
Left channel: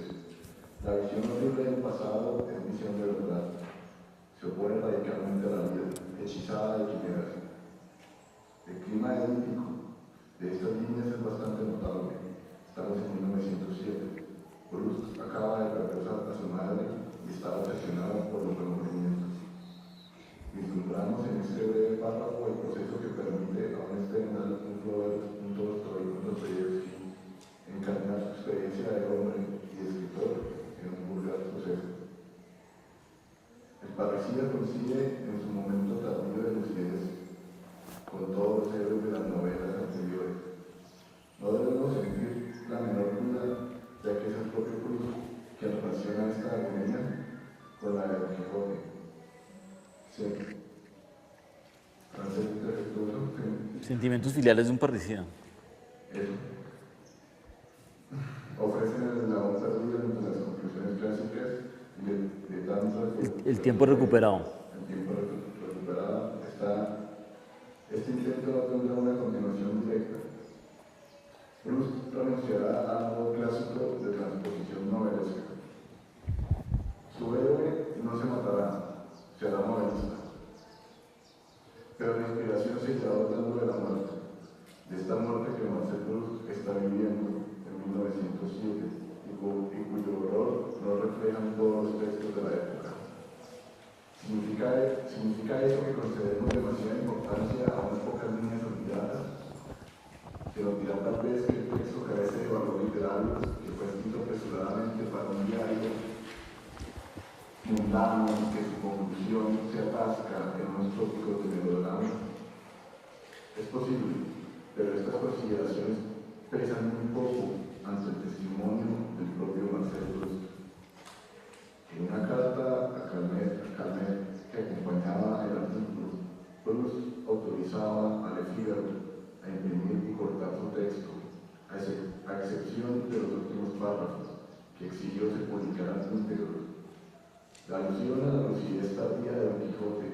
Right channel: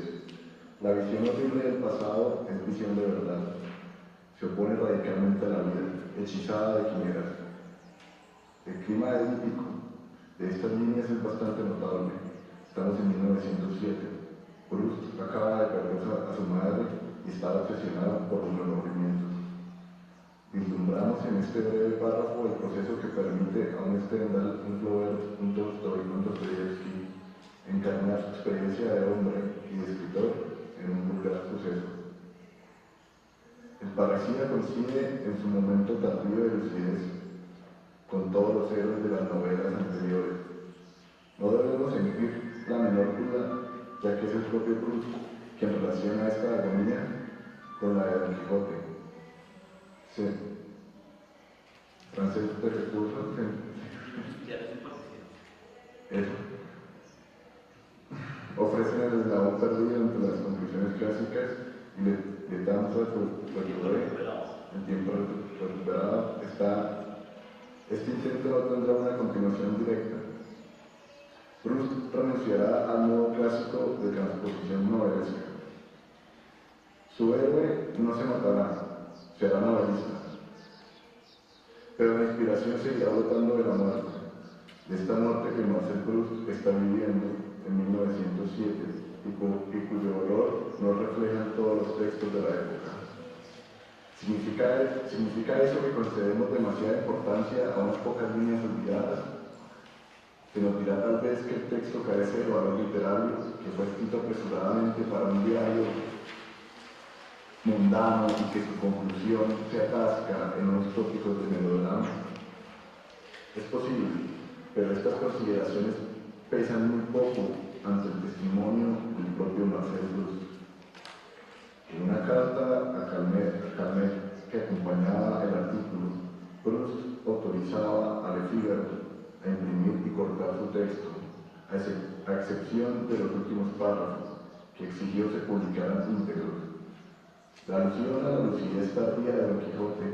La visión horrible del pasado es visión de verdad. Se opone radicalmente a la vida, hechizada de quimeras. El clima edípico de estas líneas es bastante notable. Estamos en 1907. Proust acaba de perder a su madre y estaba obsesionado por los remordimientos. Vislumbramos en este breve párrafo el proceso que permite a un Stendhal, un Flaubert, un Tolstoy, un Dostoyevsky encarnar su experiencia de hombre y de escritor en un vulgar suceso. El parricida coincide en su momento tardío de lucidez con todos los héroes de las novelas anteriores. No debemos sentir la menor duda, ya que es el propio Proust quien relaciona esta agonía con la de Don Quijote. Sí. Francés defectuoso. Sentimientos filiales de un parricida. Eso. Ofrecen el eslabón perdido entre las conclusiones clásicas y de tanto el tiempo recuperado. El tiempo recuperado está. Este intento no tendrá una continuación directa. Proust renunciará al modo clásico de transposición novelesca. Su héroe no se matará, será novelista. Pero la inspiración seguirá brotando de la muerte, de esta muerte que Marcel Proust está viviendo en 1907 y cuyo dolor no reflejan todos los textos de la época. ¿Significa eso que concedemos demasiada importancia a unas pocas líneas olvidadas? Se nos dirá tal vez que el texto carece de valor literario, que fue escrito apresuradamente para un diario mundano y que su conclusión se atasca en unos tópicos de melodrama. Es posible, pero estas consideraciones pesan muy poco ante el testimonio del propio Marcel Proust. En una carta a Calmet que acompañaba el artículo, Proust autorizaba a Le Figaro a imprimir y cortar su texto, a excepción de los últimos párrafos, que exigió se publicaran íntegros. La alusión a la lucidez tardía de Don Quijote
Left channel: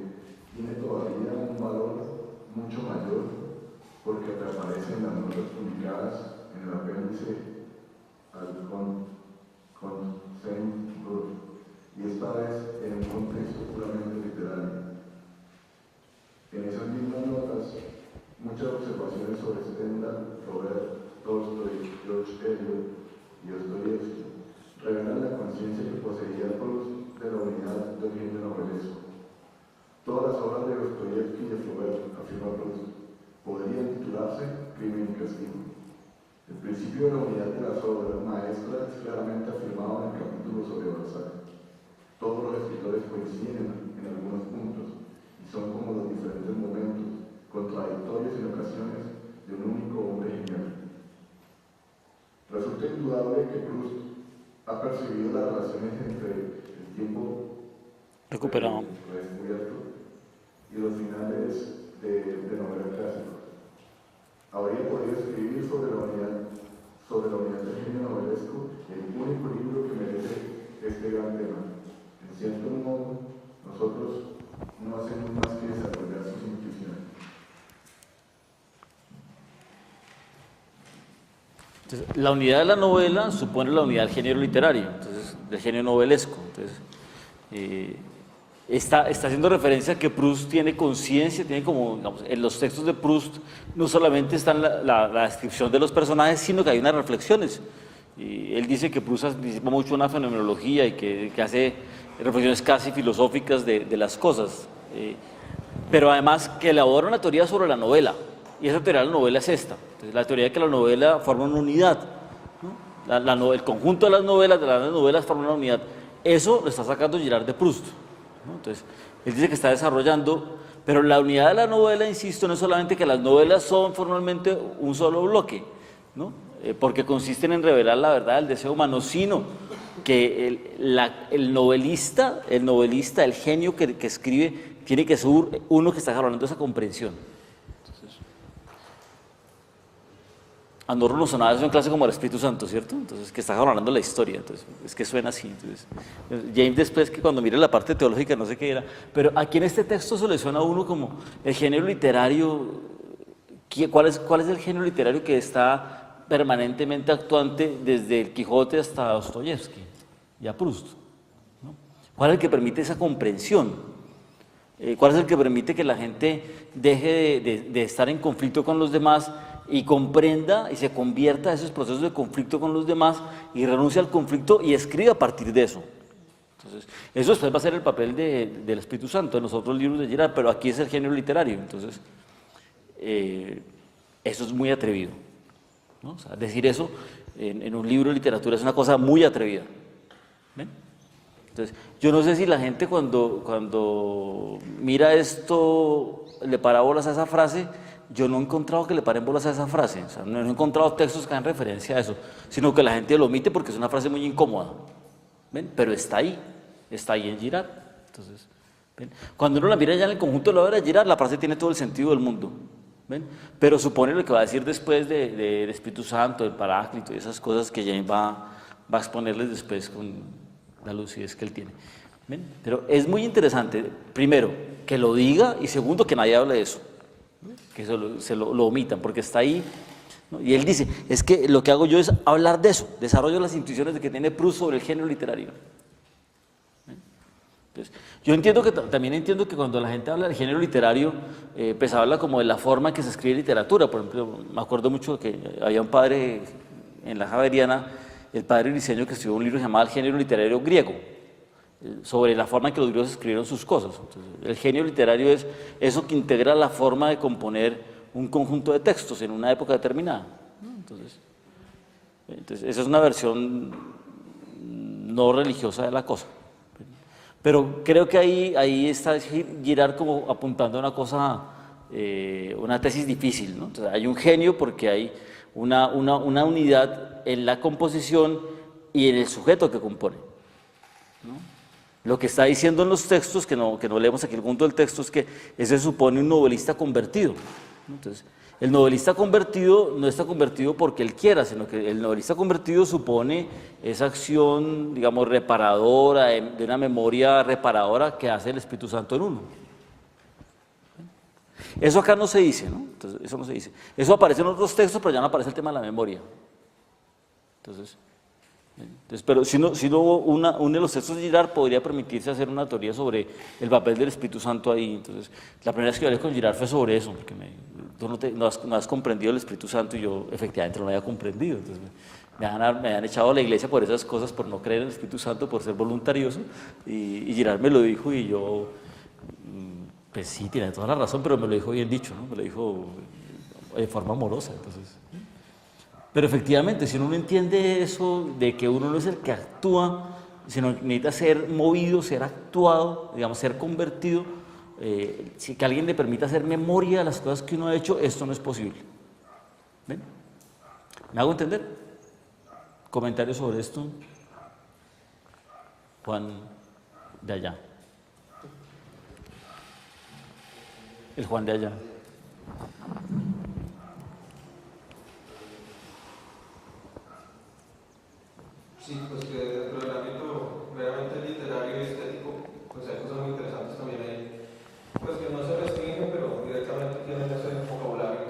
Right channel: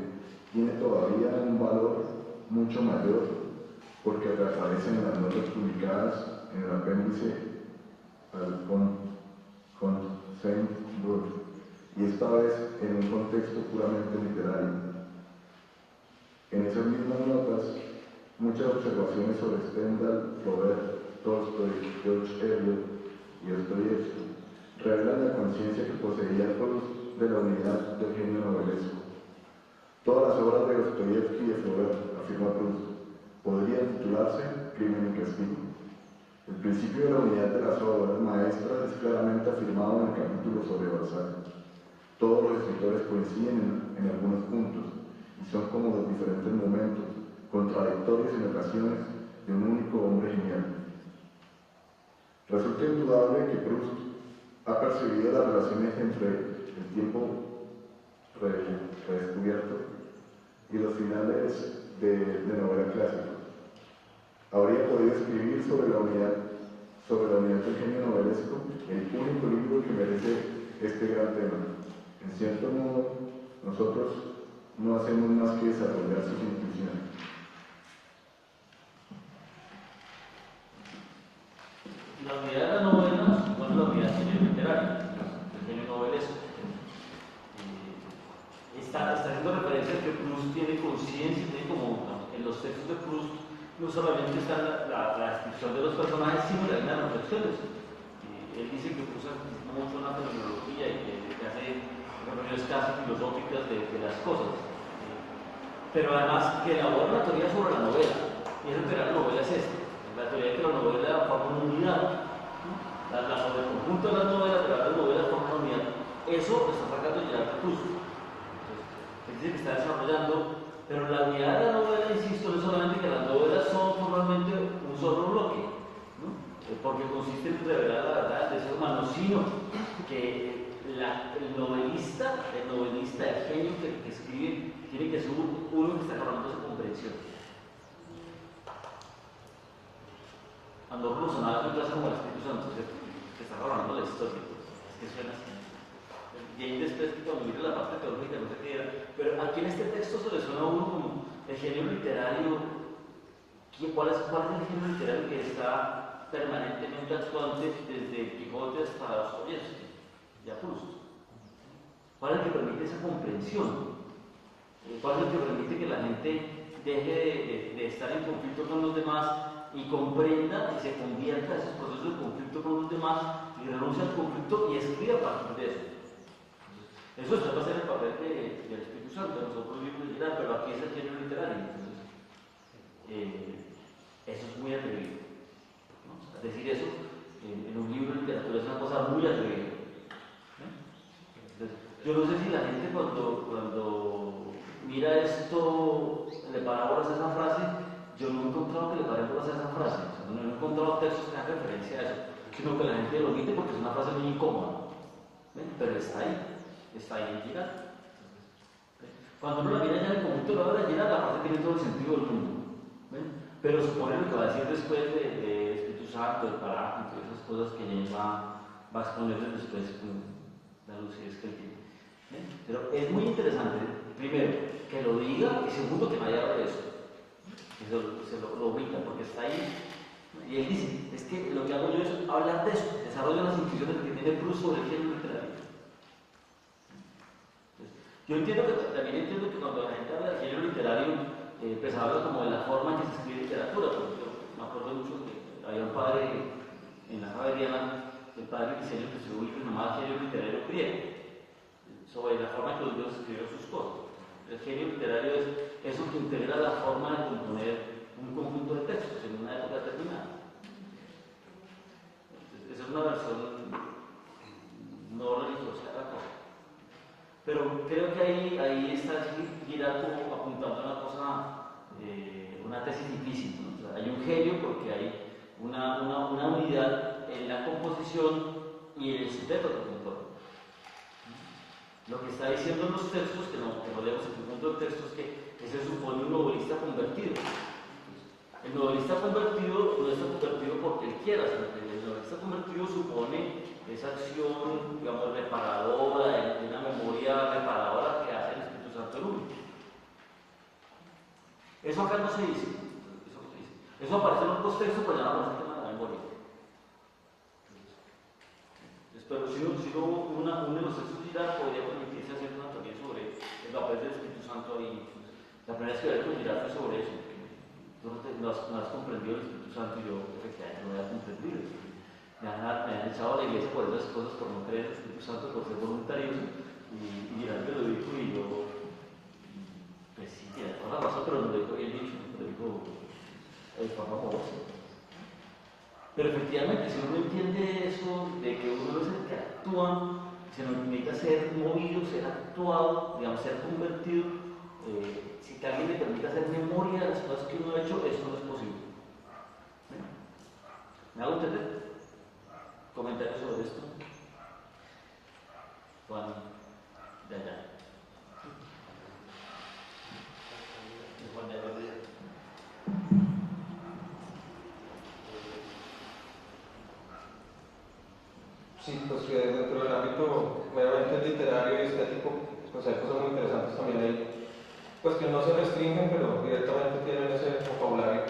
tiene todavía un valor mucho mayor porque reaparecen las notas publicadas en el apéndice al Saint-Beuve, y esta vez en un contexto puramente literario. En esas mismas notas, muchas observaciones sobre Stendhal, Flaubert, Tolstoy, George Eliot y Dostoyevsky revelan la conciencia que poseía Proust de la unidad del genio novelesco. Todas las obras de Dostoyevsky y de Flaubert, afirma Proust, podrían titularse Crimen y Castigo. El principio de la unidad de las obras maestras es claramente afirmado en el capítulo sobre Balzac. Todos los escritores coinciden en algunos puntos y son como los diferentes momentos, contradictorios en ocasiones, de un único hombre genial. Resulta indudable que Proust ha percibido las relaciones entre el tiempo Recuperado. redescubierto, y los finales de novela clásica. Habría podido escribir sobre la unidad del genio novelesco, el único libro que merece este gran tema. En cierto modo, nosotros no hacemos más que desarrollar sus intuiciones. Entonces, la unidad de la novela supone la unidad del género literario, entonces, del género novelesco. Entonces, está haciendo referencia a que Proust tiene conciencia, tiene como, digamos, en los textos de Proust no solamente está la descripción de los personajes, sino que hay unas reflexiones. Y él dice que Proust anticipa mucho una fenomenología y que hace reflexiones casi filosóficas de las cosas, pero además que elabora una teoría sobre la novela, y esa teoría de la novela es esta. Entonces, la teoría de que la novela forma una unidad, ¿no? El conjunto de las novelas forma una unidad. Eso lo está sacando Girard de Proust, ¿no? Entonces, él dice que está desarrollando, pero la unidad de la novela, insisto, no es solamente que las novelas son formalmente un solo bloque, ¿no? Porque consisten en revelar la verdad del deseo humano, sino que el novelista, el genio que escribe, tiene que ser uno que está hablando de esa comprensión. A nosotros nos sonaba eso en clase como el Espíritu Santo, ¿cierto? Entonces, que está hablando la historia, entonces, es que suena así. Entonces, James después, que cuando mire la parte teológica, no sé qué era, pero aquí en este texto se le suena a uno como el género literario. ¿Cuál es el género literario que está permanentemente actuante desde el Quijote hasta Dostoyevsky y a Proust, ¿no? ¿Cuál es el que permite esa comprensión? ¿Cuál es el que permite que la gente deje de estar en conflicto con los demás y comprenda y se convierta a esos procesos de conflicto con los demás y renuncie al conflicto y escriba a partir de eso? Entonces, eso después va a ser el papel del Espíritu Santo en los otros libros de Girard, pero aquí es el género literario. Entonces, eso es muy atrevido, ¿no? O sea, decir eso en un libro de literatura es una cosa muy atrevida. ¿Ven? Entonces, yo no sé si la gente cuando mira esto le para bolas a esa frase. Yo no he encontrado que le paren bolas a esa frase, o sea, no he encontrado textos que hagan referencia a eso, sino que la gente lo omite porque es una frase muy incómoda. ¿Ven? Pero está ahí en Girard. Entonces, ¿ven? Cuando uno la mira ya en el conjunto de la obra de Girard, la frase tiene todo el sentido del mundo. ¿Ven? Pero supone lo que va a decir después del Espíritu Santo, del Paráclito y esas cosas que James va a exponerles después con la lucidez que él tiene. ¿Ven? Pero es muy interesante, primero, que lo diga, y segundo, que nadie hable de eso, que se lo omitan, porque está ahí, ¿no? Y él dice, es que lo que hago yo es hablar de eso, desarrollo las intuiciones de que tiene Proust sobre el género literario. Entonces, yo también entiendo que cuando la gente habla del género literario, pues habla como de la forma en que se escribe literatura. Por ejemplo, me acuerdo mucho que había un padre en la Javeriana, el padre Briceño, que escribió un libro llamado El género literario griego, sobre la forma en que los griegos escribieron sus cosas. Entonces, el genio literario es eso que integra la forma de componer un conjunto de textos en una época determinada. Entonces esa es una versión no religiosa de la cosa. Pero creo que ahí está Girard como apuntando a una cosa, una tesis difícil, ¿no? Entonces, hay un genio porque hay una unidad en la composición y en el sujeto que compone. Lo que está diciendo en los textos, que no leemos aquí el punto del texto, es que ese supone un novelista convertido. Entonces, el novelista convertido no está convertido porque él quiera, sino que el novelista convertido supone esa acción, digamos, reparadora, de una memoria reparadora que hace el Espíritu Santo en uno. Eso acá no se dice, ¿no? Entonces, eso no se dice. Eso aparece en otros textos, pero ya no aparece el tema de la memoria. Entonces, pero si no uno de los textos de Girard podría permitirse hacer una teoría sobre el papel del Espíritu Santo ahí. Entonces, la primera vez que hablé con Girard fue sobre eso, porque tú no has comprendido el Espíritu Santo, y yo efectivamente no lo había comprendido. Entonces, me han echado a la iglesia por esas cosas, por no creer en el Espíritu Santo, por ser voluntarioso, y Girard me lo dijo, y yo, pues sí, tiene toda la razón, pero me lo dijo bien dicho, ¿no? Me lo dijo de forma amorosa. Entonces, pero efectivamente, si uno no entiende eso, de que uno no es el que actúa, sino que necesita ser movido, ser actuado, digamos, ser convertido, si que alguien le permita hacer memoria de las cosas que uno ha hecho, esto no es posible. ¿Ven? ¿Me hago entender? ¿Comentarios sobre esto? Juan, de allá. el Juan de allá. Sí, pues que dentro del ámbito meramente literario y estético, pues hay cosas muy interesantes también ahí, pues que no se restringen, pero directamente tienen ese vocabulario.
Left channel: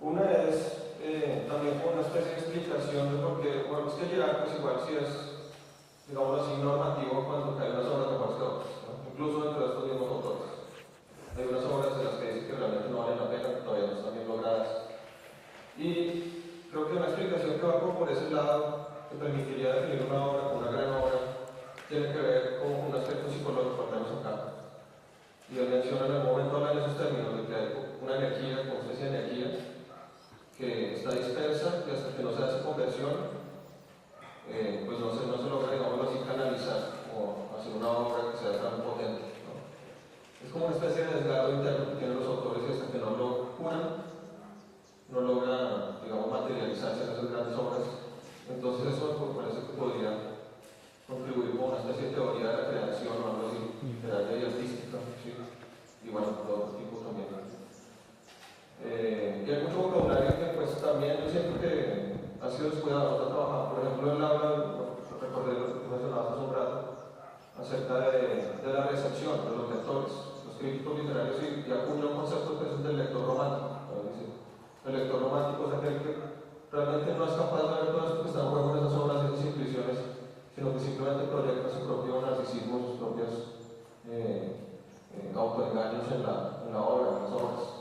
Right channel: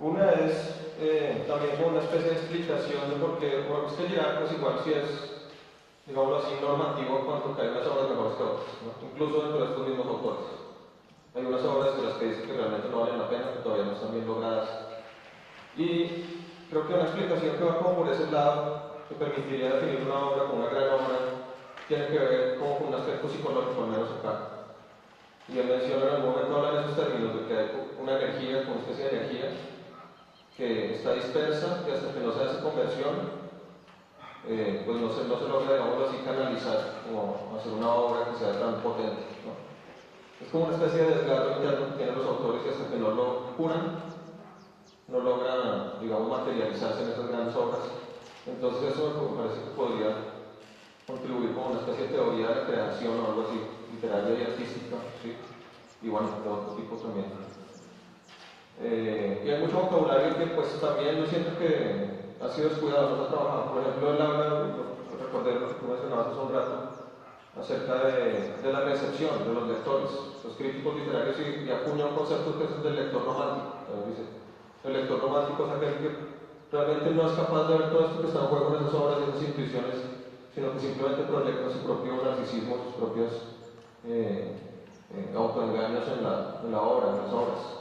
Una es también como una especie de explicación de por qué, bueno, es que llegar pues igual si es, digámoslo así, normativo en cuanto que hay unas obras mejores que otras, ¿no? Incluso dentro de estos mismos autores. Hay unas obras de las que dicen que realmente no valen la pena, que todavía no están bien logradas. Y creo que una explicación que va como por ese lado, que permitiría definir una obra como una gran obra, tiene que ver como con un aspecto psicológico, al menos acá. Y él menciona en algún momento, habla de esos términos, de que hay una energía, como una especie de energía, que está dispersa, que hasta que no se hace conversión, pues no se logra, digámoslo así, canalizar, como hacer una obra que sea tan potente, ¿no? Es como una especie de desgarro interno que tienen los autores y hasta que no lo curan, no logran, digamos, materializarse en esas grandes obras. Entonces eso me parece que podría contribuir como una especie de teoría de la creación o algo así, literaria y artística, ¿sí? Y bueno, de otro tipo también. Y hay mucho vocabulario que pues también yo siento que ha sido descuidado, no se ha trabajado. Por ejemplo, él habla, recordé lo que tú mencionabas hace un rato, acerca de la recepción de los lectores, los críticos literarios, y acuña un concepto que es el del lector romántico. Dice, el lector romántico es aquel que realmente no es capaz de ver todo esto que está en juego en esas obras y esas intuiciones, sino que simplemente proyecta su propio narcisismo, sus propios autoengaños en la obra, en las obras.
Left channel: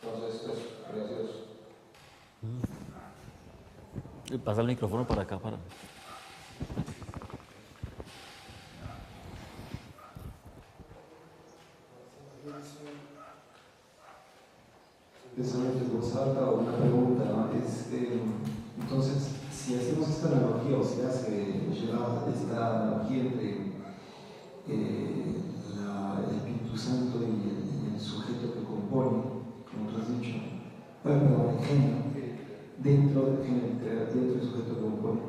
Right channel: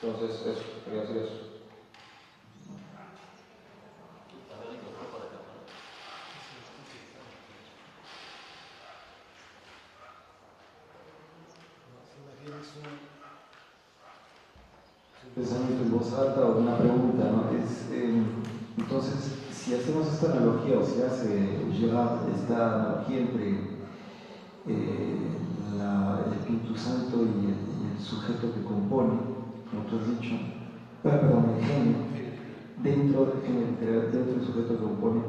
Entonces, eso, quería decir eso. Y pasa el micrófono para acá, para... Pensamiento en voz alta o una pregunta, ¿no? Entonces, si hacemos esta analogía, o si hace llegar esta analogía entre el Espíritu Santo y el sujeto que compone, como tú has dicho, perdón, el genio, dentro del sujeto que compone,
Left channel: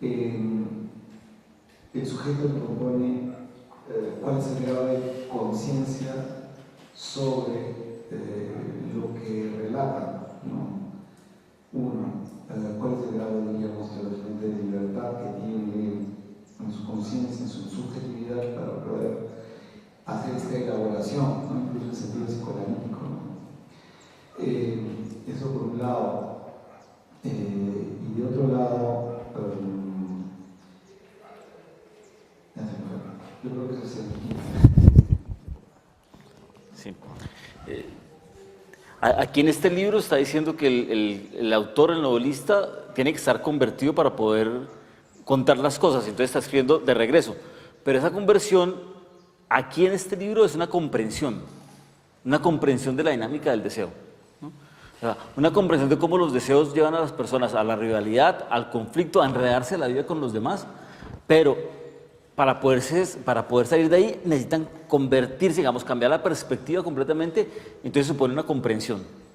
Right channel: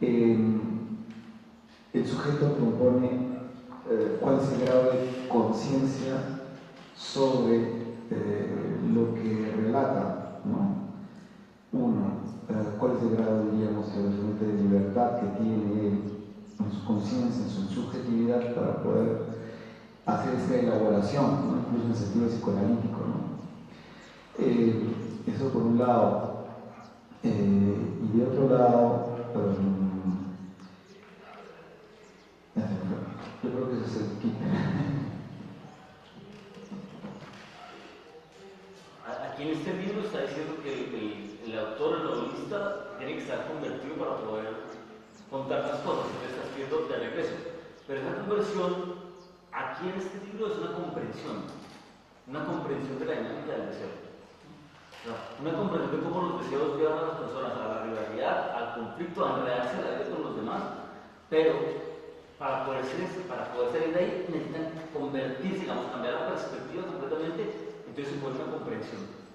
el sujeto que compone, ¿cuál es el grado de conciencia sobre lo que relata, ¿no? Uno, ¿cuál es el grado, diríamos, de libertad que tiene en su conciencia, en su subjetividad para poder hacer esta elaboración, ¿no? Incluso en sentido psicoanalítico, ¿no? Eso por un lado. Y de otro lado, yo creo que ese es el quinto. Sí. Aquí en este libro está diciendo que el autor, el novelista, tiene que estar convertido para poder contar las cosas, entonces está escribiendo de regreso. Pero esa conversión, aquí en este libro, es una comprensión de la dinámica del deseo, ¿no? O sea, una comprensión de cómo los deseos llevan a las personas a la rivalidad, al conflicto, a enredarse en la vida con los demás, pero para poder salir de ahí necesitan convertirse, digamos, cambiar la perspectiva completamente, entonces supone una comprensión.